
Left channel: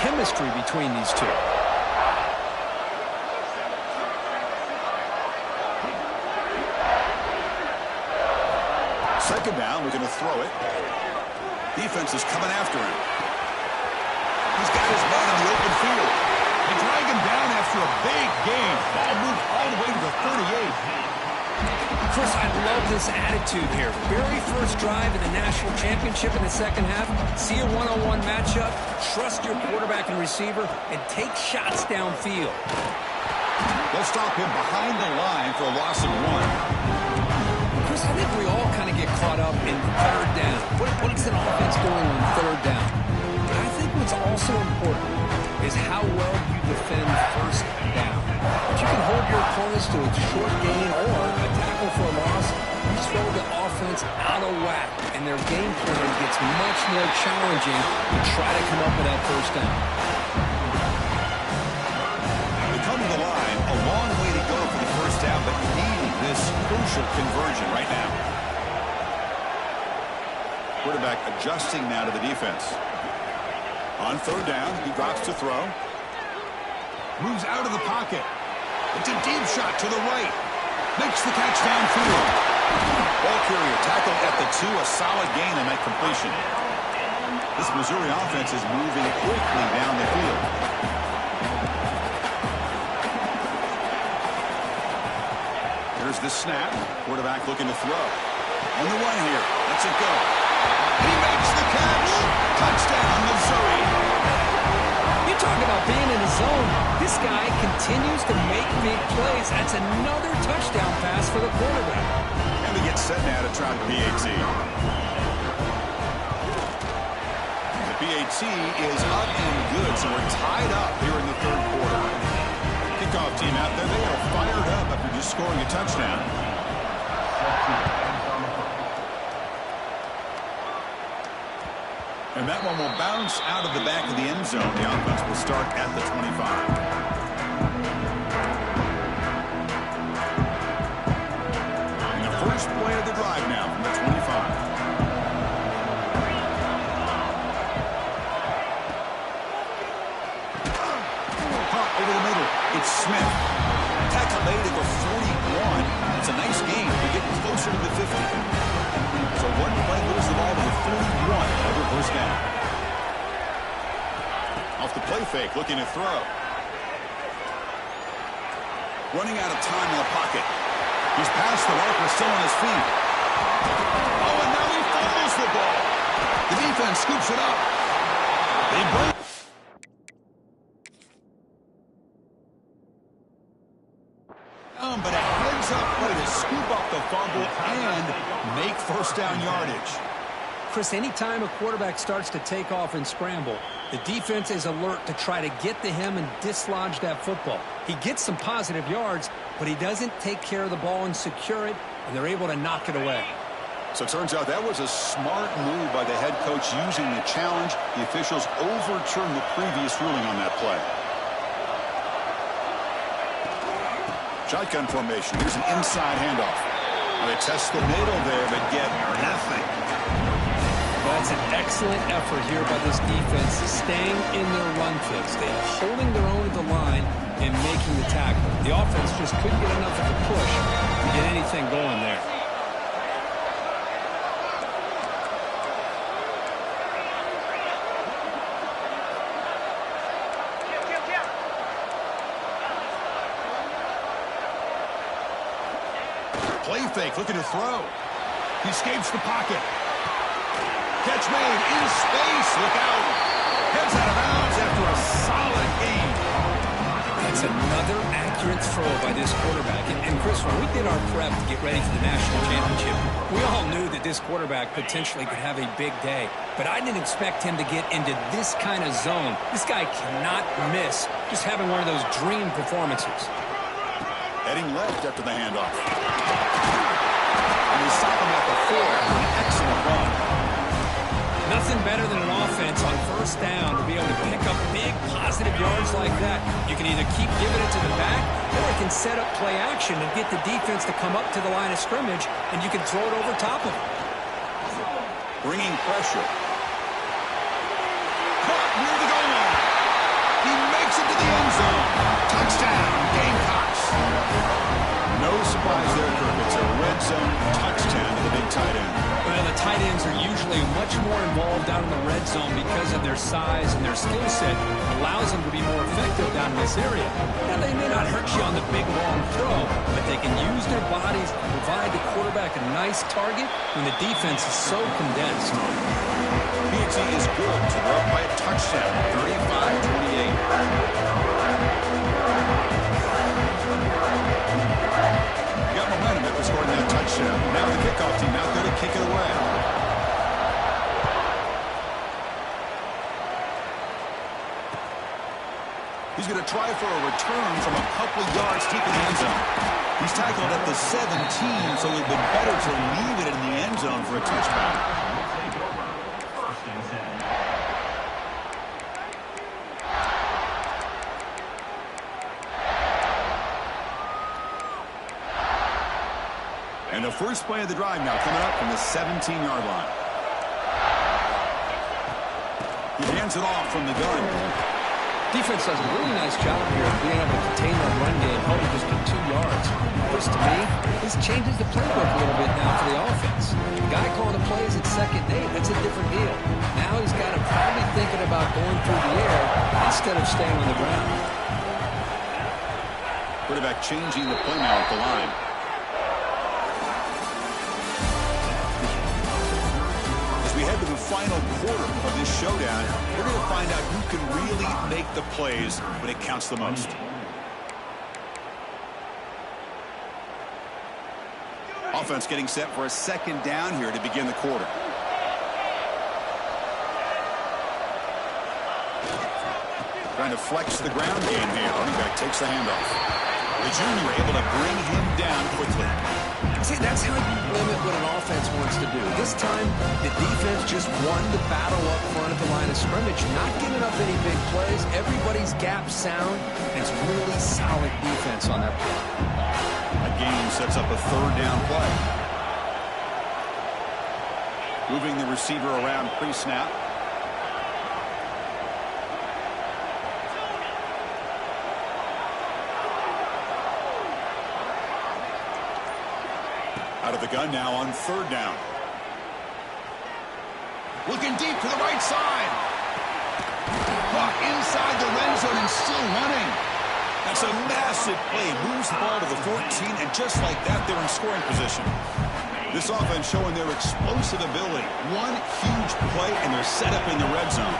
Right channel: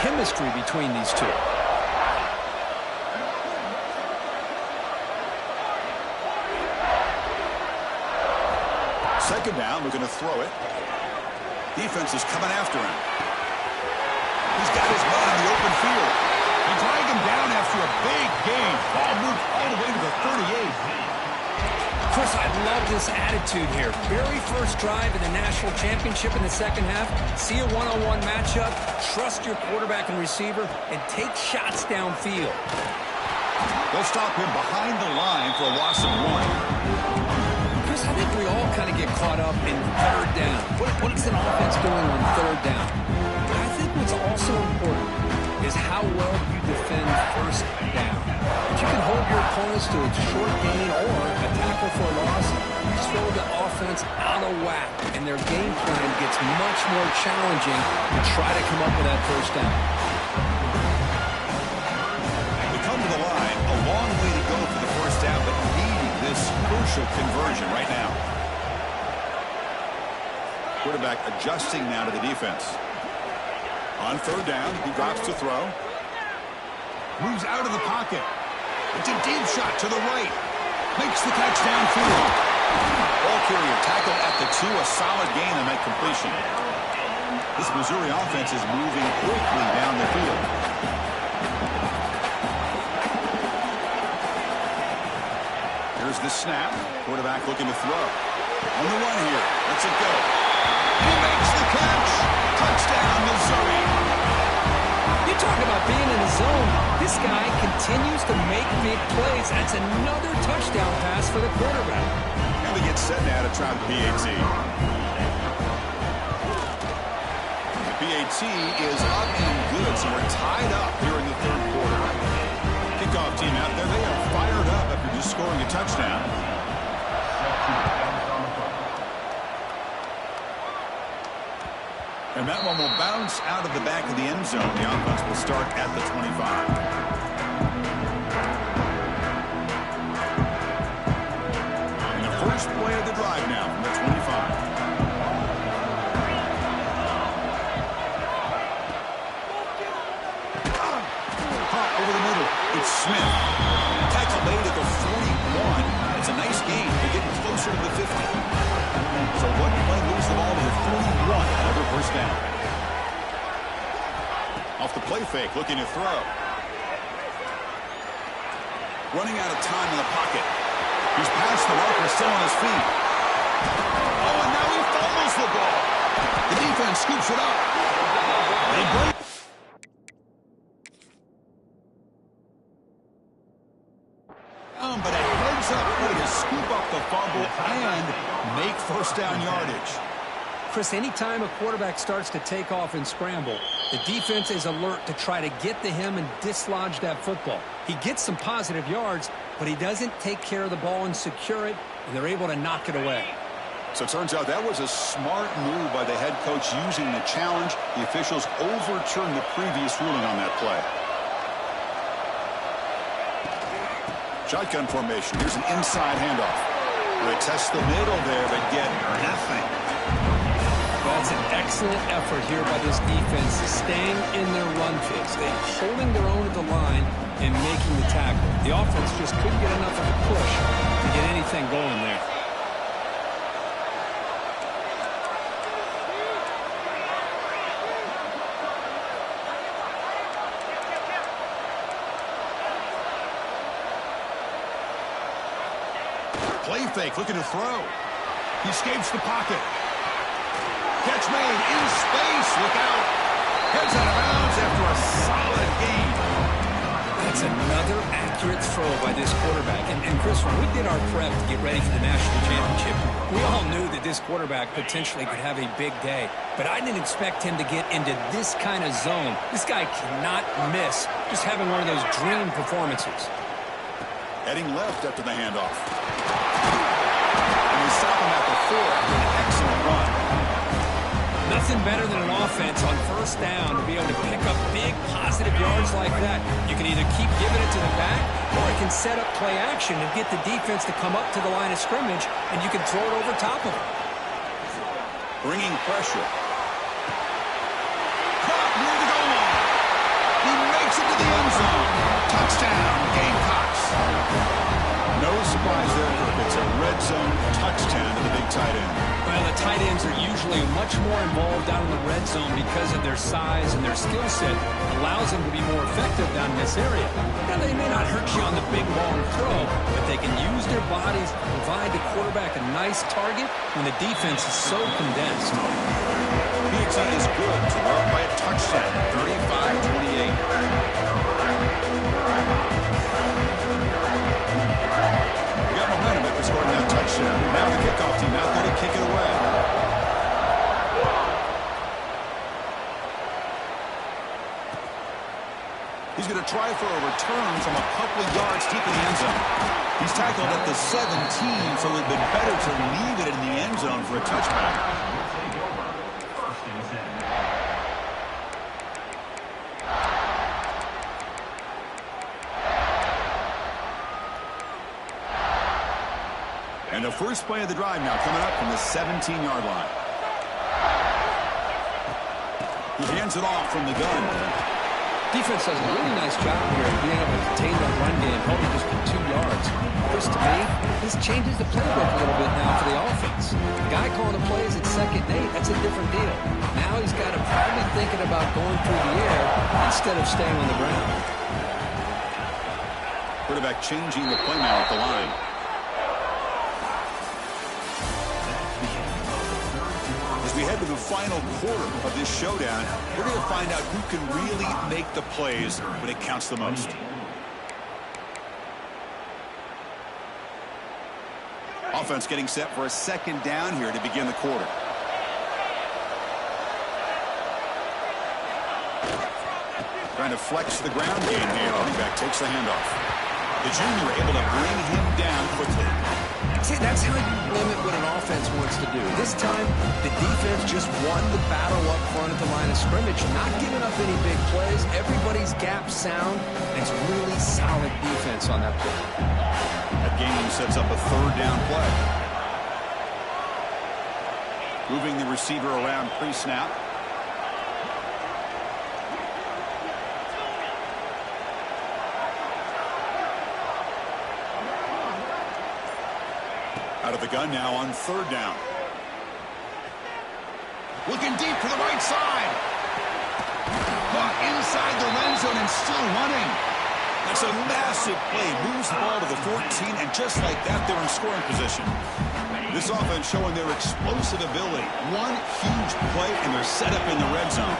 chemistry between these two. Second down, looking to throw it. Defense is coming after him. He's got his man in the open field. They drag him down after a big gain. Ball moved all the way to the 38. Chris, I love this attitude here. Very first drive in the national championship in the second half. See a one-on-one matchup. Trust your quarterback and receiver, and take shots downfield. They'll stop him behind the line for a loss of 1. Chris, I think we all kind of get caught up in third down. What is an offense doing on third down? But I think what's also important is how well you defend first down. If you can hold your opponents to a short gain or a tackle for a loss, you throw the offense out of whack, and their game plan gets much more challenging to try to come up with that first down. They come to the line, a long way to go for the first down, but needing this crucial conversion right now. Quarterback adjusting now to the defense. On third down, he drops to throw. Moves out of the pocket. It's a deep shot to the right. Makes the catch downfield. Ball carrier tackled at the 2. A solid gain on that completion. This Missouri offense is moving quickly down the field. Here's the snap. Quarterback looking to throw. On the run here. Lets it go. He makes the catch. Touchdown, Missouri. You talk about being in a zone. This guy continues to make big plays. That's another touchdown pass for the quarterback. And they get set now to try the PAT. The PAT is up and good, so we're tied up here in the third quarter. Kickoff team out there, they are fired up after just scoring a touchdown. And that one will bounce out of the back of the end zone. The offense will start at the 25. And the first play of the drive now from the 25. Hot over the middle. It's Smith. Tackle made at the 41. It's a nice gain. They're getting closer to the 50. So one play moves the ball to the 41. Another first down. Off the play fake, looking to throw. Running out of time in the pocket. He's past the marker, still on his feet. Oh, and now he fumbles the ball. The defense scoops it up. They break. But a heads-up play to scoop up the fumble and make first down yardage. Chris, anytime a quarterback starts to take off and scramble, the defense is alert to try to get to him and dislodge that football. He gets some positive yards, but he doesn't take care of the ball and secure it, and they're able to knock it away. So it turns out that was a smart move by the head coach using the challenge. The officials overturned the previous ruling on that play. Shotgun formation. Here's an inside handoff. They test the middle there, but get nothing. That's an excellent effort here by this defense, staying in their run fix. They're holding their own at the line and making the tackle. The offense just couldn't get enough of a push to get anything going there. Play fake, looking to throw. He escapes the pocket. Catch made in space. Look out. Heads out of bounds after a solid gain. That's another accurate throw by this quarterback. And Chris, when we did our prep to get ready for the national championship, we all knew that this quarterback potentially could have a big day. But I didn't expect him to get into this kind of zone. This guy cannot miss just having one of those dream performances. Heading left after the handoff. And they stop him at the 4 after an excellent run. Nothing better than an offense on first down to be able to pick up big positive yards like that. You can either keep giving it to the back, or it can set up play action and get the defense to come up to the line of scrimmage, and you can throw it over top of them. Bringing pressure. Caught near the goal line. He makes it to the end zone. Touchdown, Gamecocks. No surprise there, Kirk. It's a red zone touchdown to the big tight end. Well, the tight ends are usually much more involved down in the red zone because of their size, and their skill set allows them to be more effective down in this area. Now, they may not hurt you on the big, long throw, but they can use their bodies to provide the quarterback a nice target when the defense is so condensed. PAT is good, so they're up by a touchdown, 35-28. You got momentum after scoring that touchdown. Now the kickoff team out there to kick it away. He's going to try for a return from a couple of yards deep in the end zone. He's tackled at the 17, so it would have been better to leave it in the end zone for a touchback. And the first play of the drive now coming up from the 17-yard line. He hands it off from the gun. Defense does a really nice job here of being able to contain that run game, holding just to 2 yards. Chris, to me, this changes the playbook a little bit now for the offense. The guy calling the plays at 2nd and 8, that's a different deal. Now he's got to probably thinking about going through the air instead of staying on the ground. Quarterback changing the play now at the line. As we head to the final quarter of this showdown, we're going to find out who can really make the plays when it counts the most. Offense getting set for a 2nd down here to begin the quarter. Trying to flex the ground game here. Running back takes the handoff. The junior able to bring him down quickly. See, that's how you limit what an offense wants to do. This time, the defense just won the battle up front at the line of scrimmage, not giving up any big plays. Everybody's gap sound, and it's really solid defense on that play. That game sets up a 3rd down play. Moving the receiver around pre-snap. Out of the gun now on 3rd down. Looking deep to the right side. Caught inside the red zone and still running. That's a massive play. Moves the ball to the 14, and just like that, they're in scoring position. This offense showing their explosive ability. One huge play, and they're set up in the red zone.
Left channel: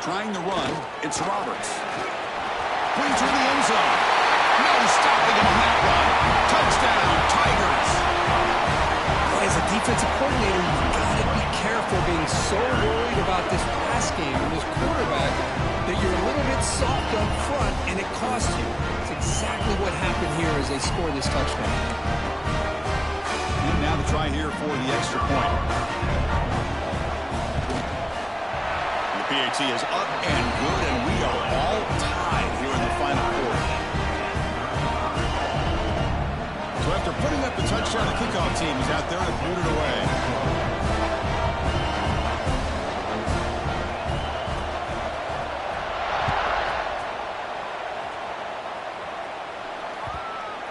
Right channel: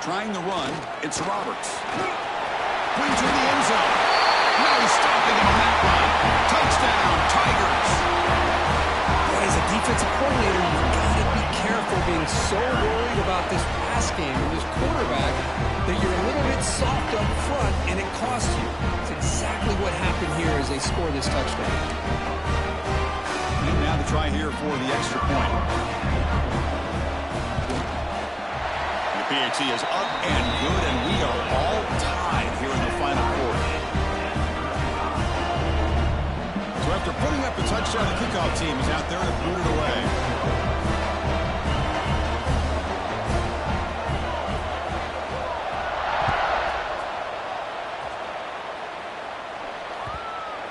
Trying the run, it's Roberts. Going through the end zone. No stopping him on that run. Touchdown, Tigers. Boy, as a defensive coordinator, you've got to be careful being so worried about this pass game and this quarterback that you're a little bit soft up front and it costs you. It's exactly what happened here as they score this touchdown. And now the try here for the extra point. The PAT is up and good, and we are all tied here in the final quarter. So after putting up a touchdown, the kickoff team is out there to boot it away.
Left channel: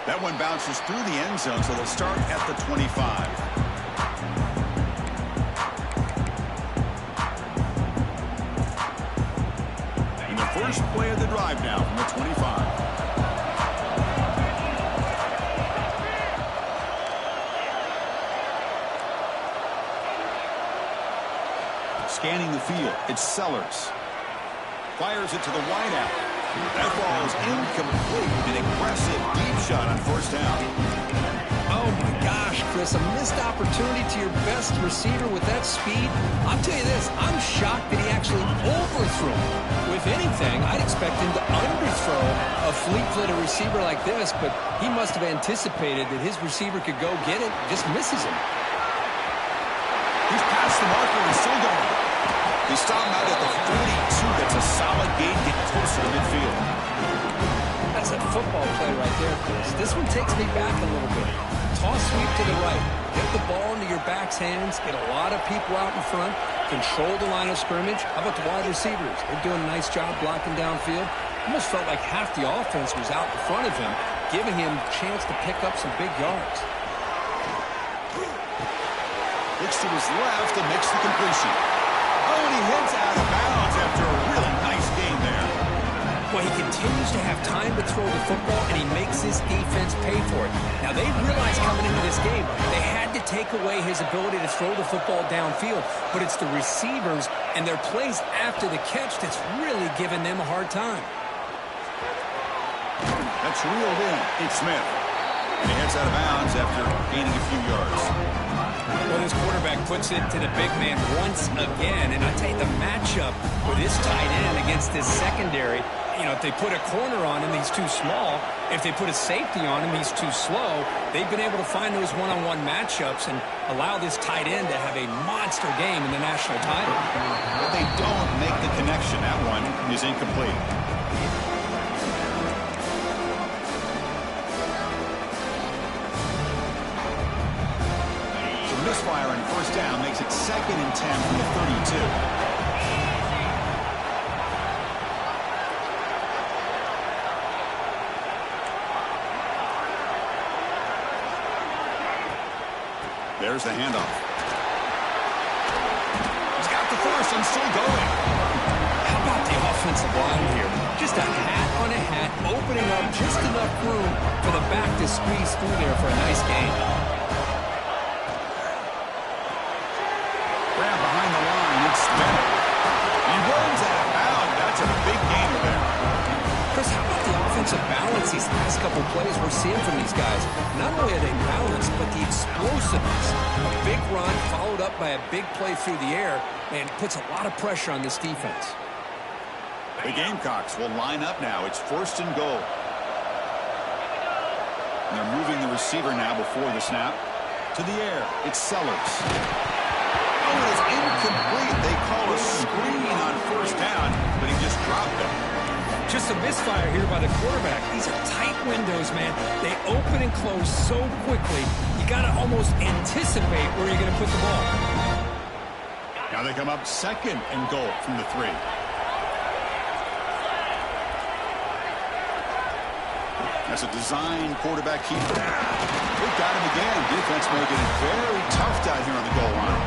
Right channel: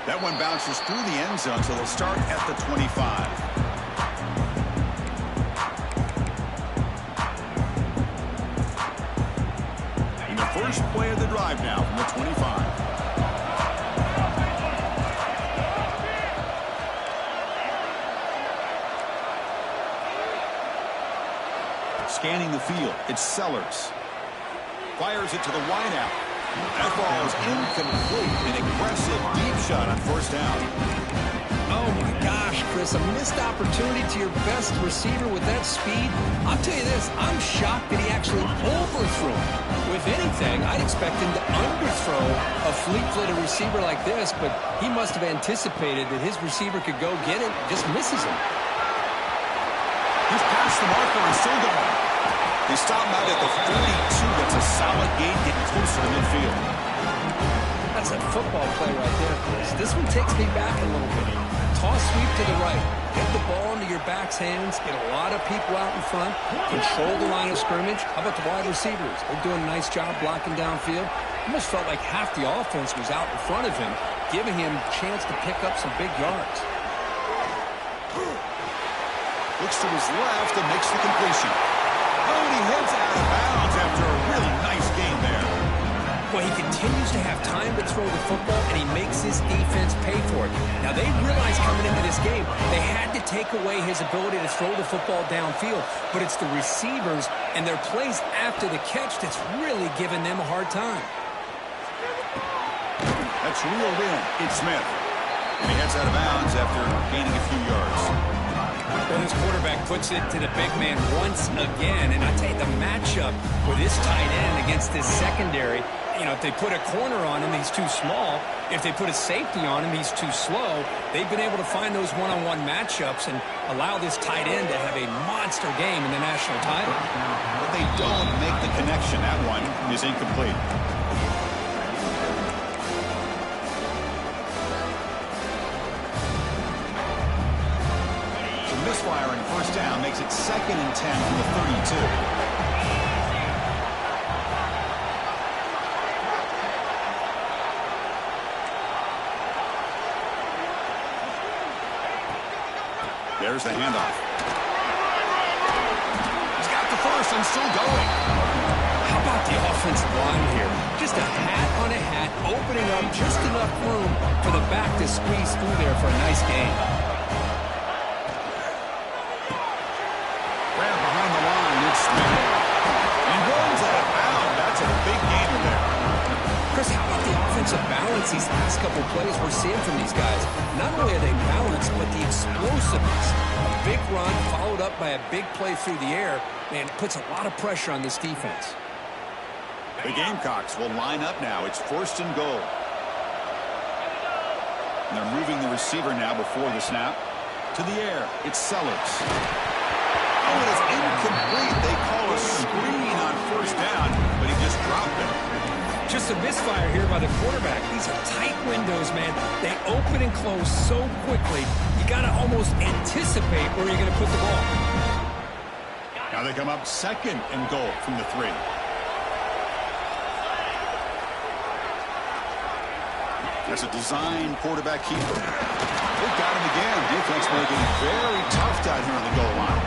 That one bounces through the end zone, so they'll start at the 25. And the first play of the drive now from the 25. Scanning the field, it's Sellers. Fires it to the wideout. That ball is incomplete. An aggressive deep shot on 1st down. Oh my gosh, Chris, a missed opportunity to your best receiver with that speed. I'll tell you this, I'm shocked that he actually overthrew him. If anything, I'd expect him to underthrow a fleet-footed receiver like this, but he must have anticipated that his receiver could go get it, just misses him. He's past the marker and still going. They stop him out at the 42. That's a solid gain, getting closer to midfield. That's a football play right there, Chris. This one takes me back a little bit. Toss sweep to the right. Get the ball into your back's hands. Get a lot of people out in front. Control the line of scrimmage. How about the wide receivers? They're doing a nice job blocking downfield. Almost felt like half the offense was out in front of him, giving him a chance to pick up some big yards. Looks to his left and makes the completion. Oh, and he heads out of bounds after a really nice game there. Well, he continues to have time to throw the football, and he makes his defense pay for it. Now, they realized coming into this game, they had to take away his ability to throw the football downfield, but it's the receivers and their plays after the catch that's really giving them a hard time. That's reeled in. It's Smith. And he heads out of bounds after gaining a few yards. Well, this quarterback puts it to the big man once again. And I tell you, the matchup with this tight end against this secondary, you know, if they put a corner on him, he's too small. If they put a safety on him, he's too slow. They've been able to find those one-on-one matchups and allow this tight end to have a monster game in the national title. But they don't make the connection. That one is incomplete. So misfire and first down makes it 2nd and 10 from the 32. There's the handoff. He's got the first and still going. How about the offensive line here? Just a hat on a hat, opening up just enough room for the back to squeeze through there for a nice gain. Grab behind the line. It's there. He runs out of bounds. That's a big gainer there. Chris, how about the offensive balance these last couple plays we're seeing from these guys? Not only are they balanced, but the explosiveness. A big run followed up by a big play through the air, man, puts a lot of pressure on this defense. The Gamecocks will line up now. It's 1st and goal. And they're moving the receiver now before the snap. To the air. It's Sellers. Oh, it is incomplete. They call a screen on first down, but he just dropped it. Just a misfire here by the quarterback. These are tight windows, man. They open and close so quickly. You got to almost anticipate where you're going to put the ball. Now they come up 2nd and goal from the 3. That's a design quarterback keeper. They got him again. Defense making it very tough down here on the goal line.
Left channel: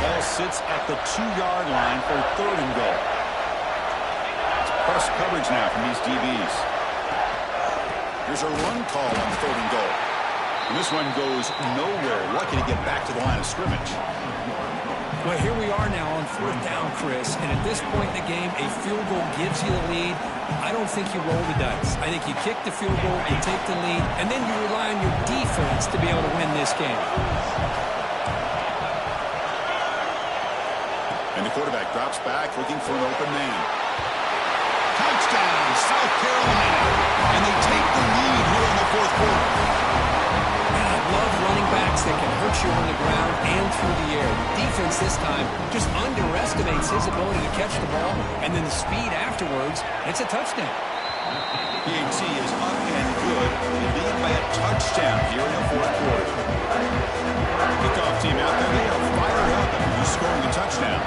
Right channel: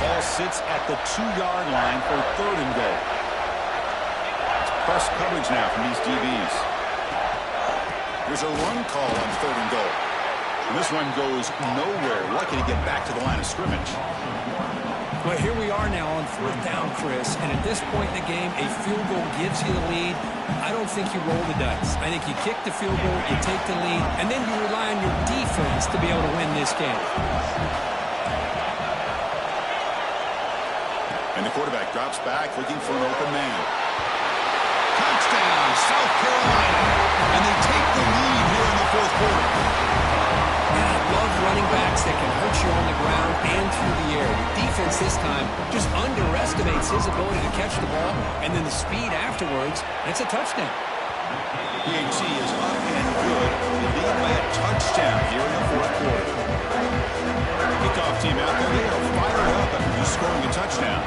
Ball sits at the 2-yard line for 3rd and goal. It's press coverage now from these DBs. Here's a run call on 3rd and goal. And this one goes nowhere. Lucky to get back to the line of scrimmage. Well, here we are now on 4th down, Chris. And at this point in the game, a field goal gives you the lead. I don't think you roll the dice. I think you kick the field goal, you take the lead, and then you rely on your defense to be able to win this game. And the quarterback drops back looking for an open man. Touchdown, South Carolina. And they take the lead here in the 4th quarter. Man, I love running backs that can hurt you on the ground and through the air. The defense this time just underestimates his ability to catch the ball, and then the speed afterwards, it's a touchdown. PAT is up and good. They lead by a touchdown here in the 4th quarter. Kickoff team out there, they are fired up after just scoring a touchdown.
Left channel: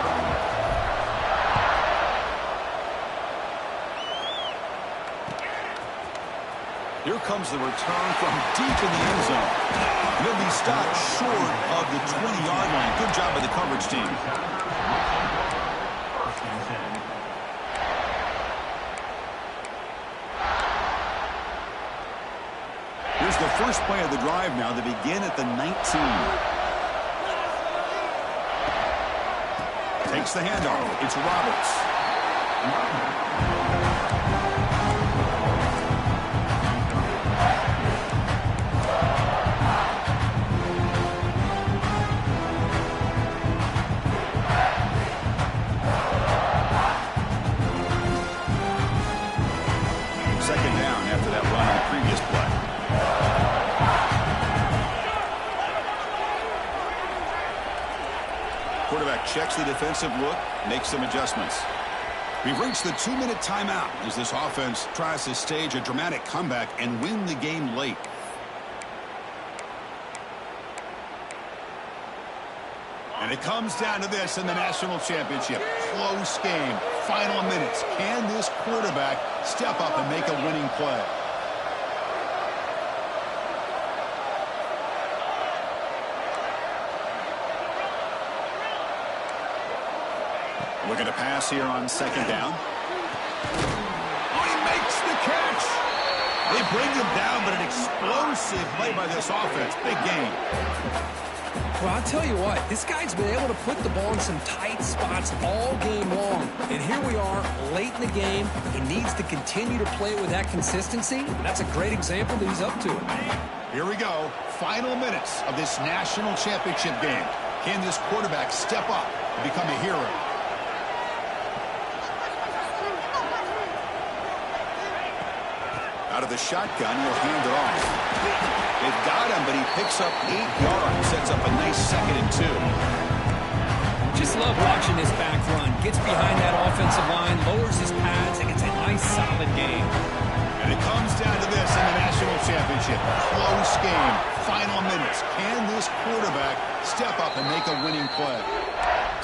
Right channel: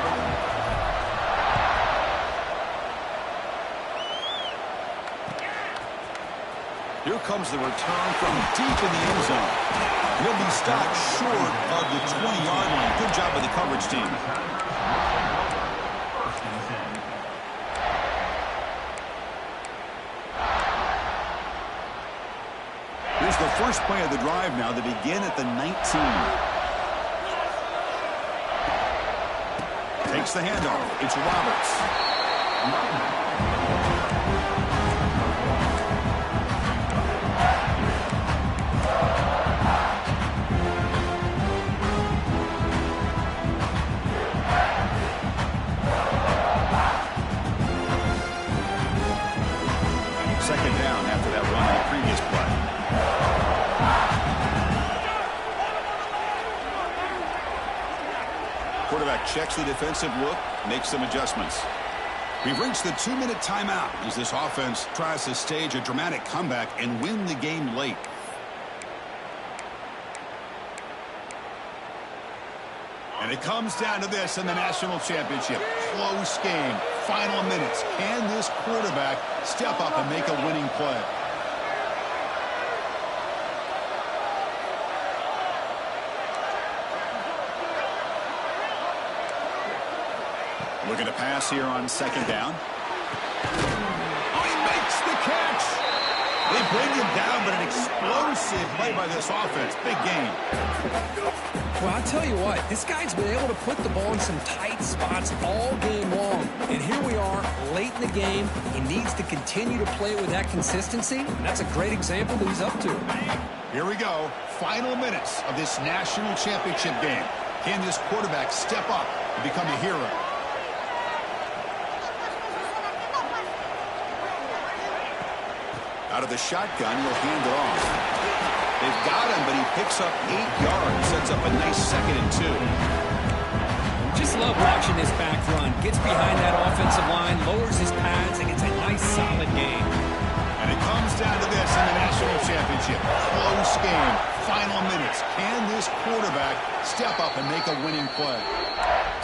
Here comes the return from deep in the end zone. And he'll be stopped short of the 20-yard line. Good job by the coverage team. Here's the first play of the drive now. They begin at the 19. Takes the handoff. It's Roberts. Second down after that run on the previous play. Quarterback checks the defensive look, makes some adjustments. We've reached the 2-minute timeout as this offense tries to stage a dramatic comeback and win the game late. And it comes down to this in the national championship. Close game. Final minutes. Can this quarterback step up and make a winning play? Looking to pass here on second down. Oh, he makes the catch. They bring him down, but an explosive play by this offense. Big game. Well, I'll tell you what, this guy's been able to put the ball in some tight spots all game long. And here we are, late in the game. He needs to continue to play with that consistency. And that's a great example that he's up to it. Here we go. Final minutes of this national championship game. Can this quarterback step up and become a hero? Out of the shotgun, he'll hand it off. They've got him, but he picks up 8 yards. Sets up a nice 2nd and 2. Just love watching this back run. Gets behind that offensive line, lowers his pads, and gets a nice, solid game. And it comes down to this in the national championship. Close game. Final minutes. Can this quarterback step up and make a winning play?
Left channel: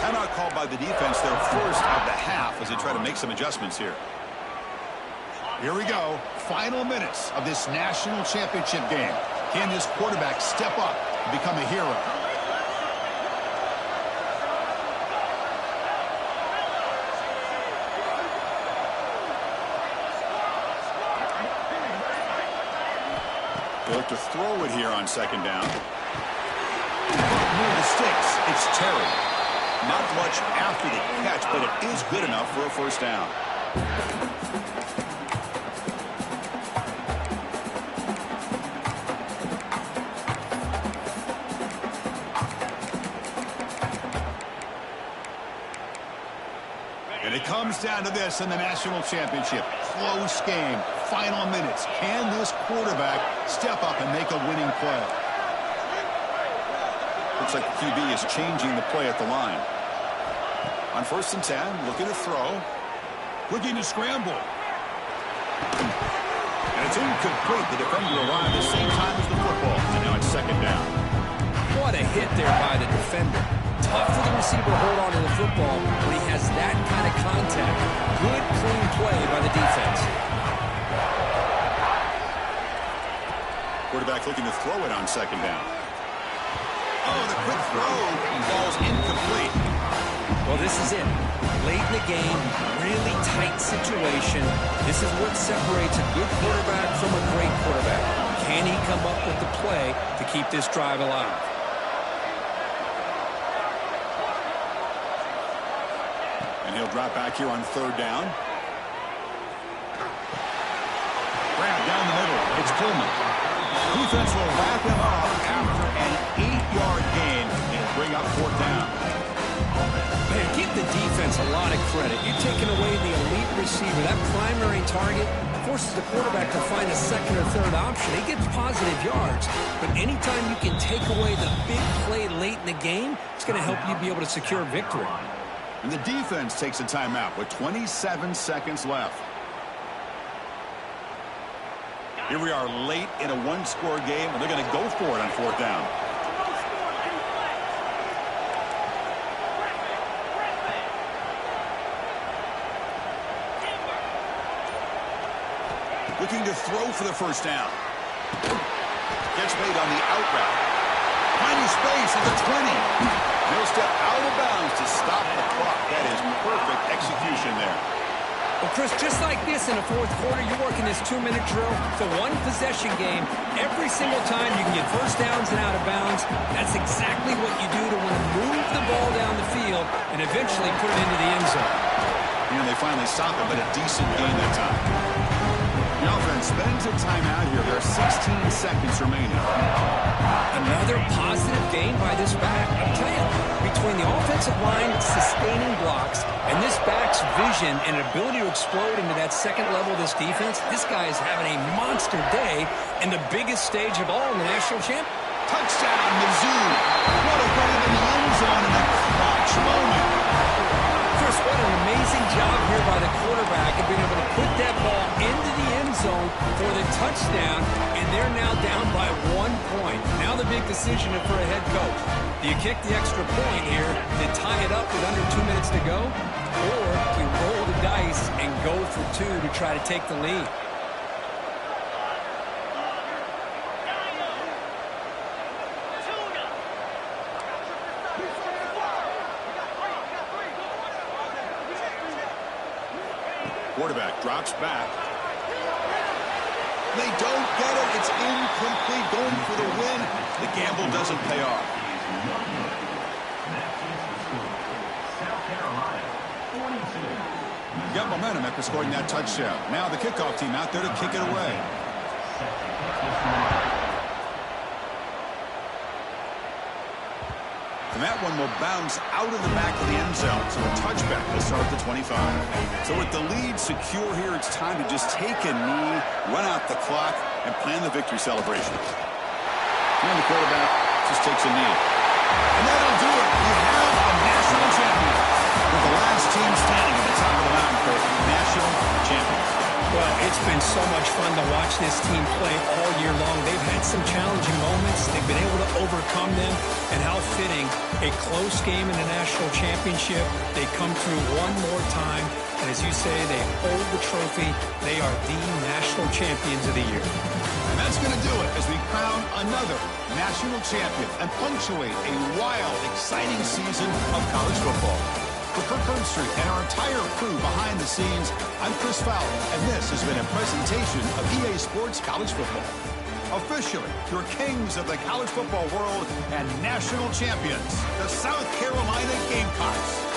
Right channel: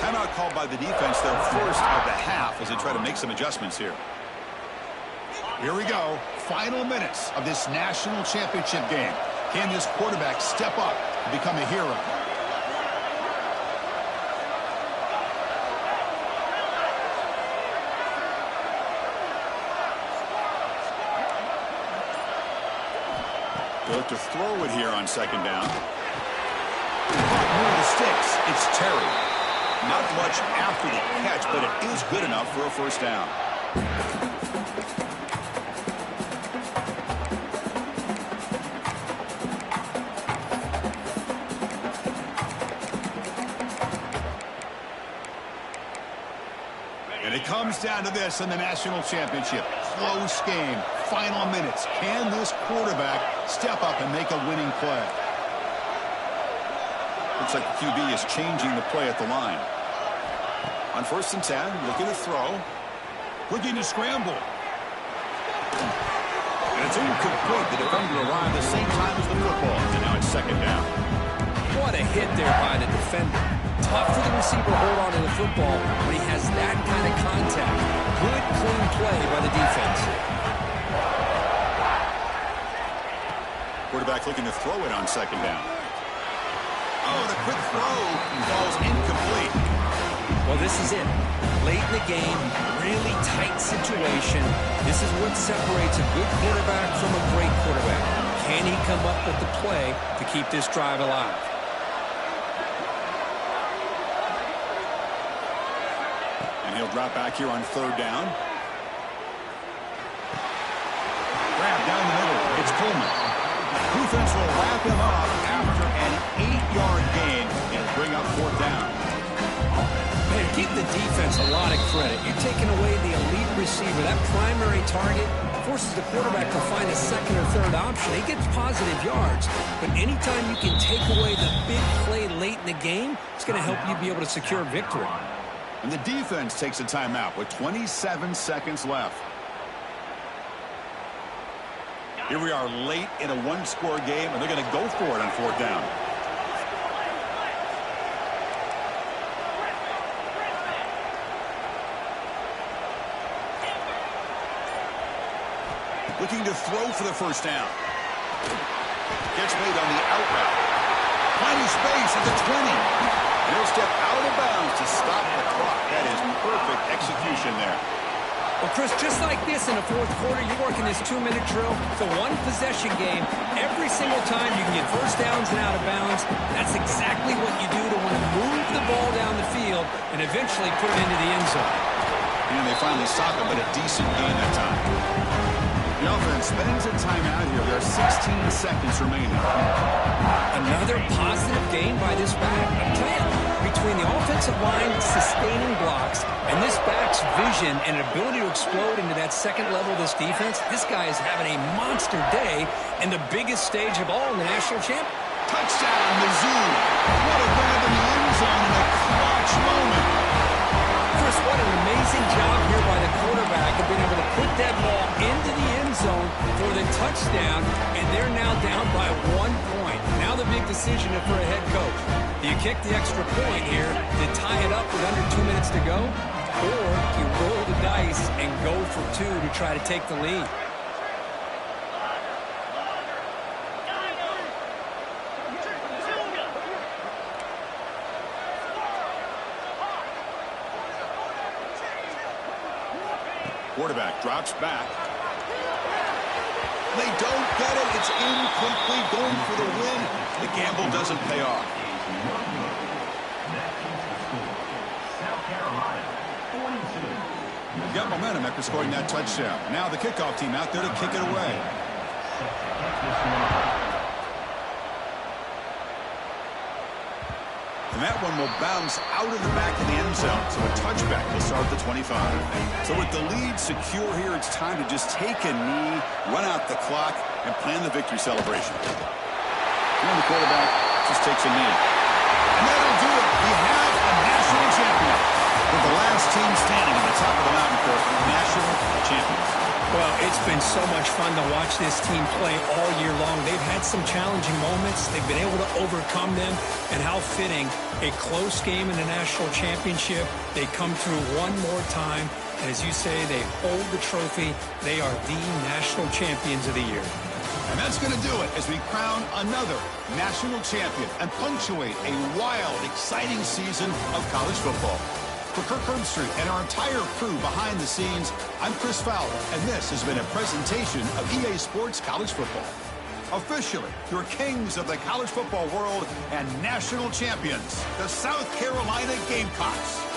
Timeout called by the defense, their first of the half, as they try to make some adjustments here. Here we go. Final minutes of this national championship game. Can this quarterback step up and become a hero? They look to throw it here on 2nd down. Near the sticks. It's Terry. Not much after the catch, but it is good enough for a 1st down. And it comes down to this in the national championship. Close game. Final minutes. Can this quarterback step up and make a winning play? Looks like the QB is changing the play at the line. On 1st and 10, looking to throw. Looking to scramble. And it's incomplete. The defender arrived the same time as the football. And now it's 2nd down. What a hit there by the defender. Tough for the receiver to hold on to the football when he has that kind of contact. Good, clean play by the defense. Quarterback looking to throw it on 2nd down. Oh, the quick throw falls incomplete. Well, this is it. Late in the game, really tight situation. This is what separates a good quarterback from a great quarterback. Can he come up with the play to keep this drive alive? And he'll drop back here on 3rd down. Grab down the middle. It's Coleman. Defense will wrap him up after an 8-yard gain and bring up 4th down. Man, give the defense a lot of credit. You're taking away the elite receiver. That primary target forces the quarterback to find a 2nd or 3rd option. He gets positive yards, but anytime you can take away the big play late in the game, it's going to help you be able to secure victory. And the defense takes a timeout with 27 seconds left. Here we are late in a 1-score game, and they're going to go for it on 4th down. Looking to throw for the 1st down. Gets made on the out route. Finding space at the 20. And he'll step out of bounds to stop the clock. That is perfect execution there. Well, Chris, just like this in the 4th quarter, you're working this 2-minute drill. It's a 1-possession game. Every single time you can get 1st downs and out of bounds. That's exactly what you do to want to move the ball down the field and eventually put it into the end zone. And they finally stop it, but a decent gain that time. The offense spends a timeout here. There are 16 seconds remaining. Another positive gain by this back. I'm telling you, between the offensive line sustaining blocks and this back's vision and ability to explode into that 2nd level of this defense, this guy is having a monster day in the biggest stage of all in the national championship. Touchdown, Mizzou. What a grab in the end zone in a clutch moment. Chris, what an amazing job here by the quarterback of being able to put that ball into the end zone for the touchdown, and they're now down by 1 point. Now the big decision for a head coach. Do you kick the extra point here to tie it up with under 2 minutes to go, or do you roll the dice and go for 2 to try to take the lead? Quarterback drops back. They don't get it. It's incomplete. Going for the win. The gamble doesn't pay off. Got momentum after scoring that touchdown. Now the kickoff team out there to kick it away. And that one will bounce out of the back of the end zone. So a touchback will start at the 25. So with the lead secure here, it's time to just take a knee, run out the clock, and plan the victory celebration. And the quarterback just takes a knee. And that'll do it. We have a national champion. With the last team standing at the top of the mountain for national champions. Well, it's been so much fun to watch this team play all year long. They've had some challenging moments. They've been able to overcome them. And how fitting, a close game in the national championship. They come through one more time. And as you say, they hold the trophy. They are the national champions of the year. And that's going to do it as we crown another national champion and punctuate a wild, exciting season of college football. For Kirk Herbstreit and our entire crew behind the scenes, I'm Chris Fowler, and this has been a presentation of EA Sports College Football. Officially, your kings of the college football world and national champions, the South Carolina Gamecocks.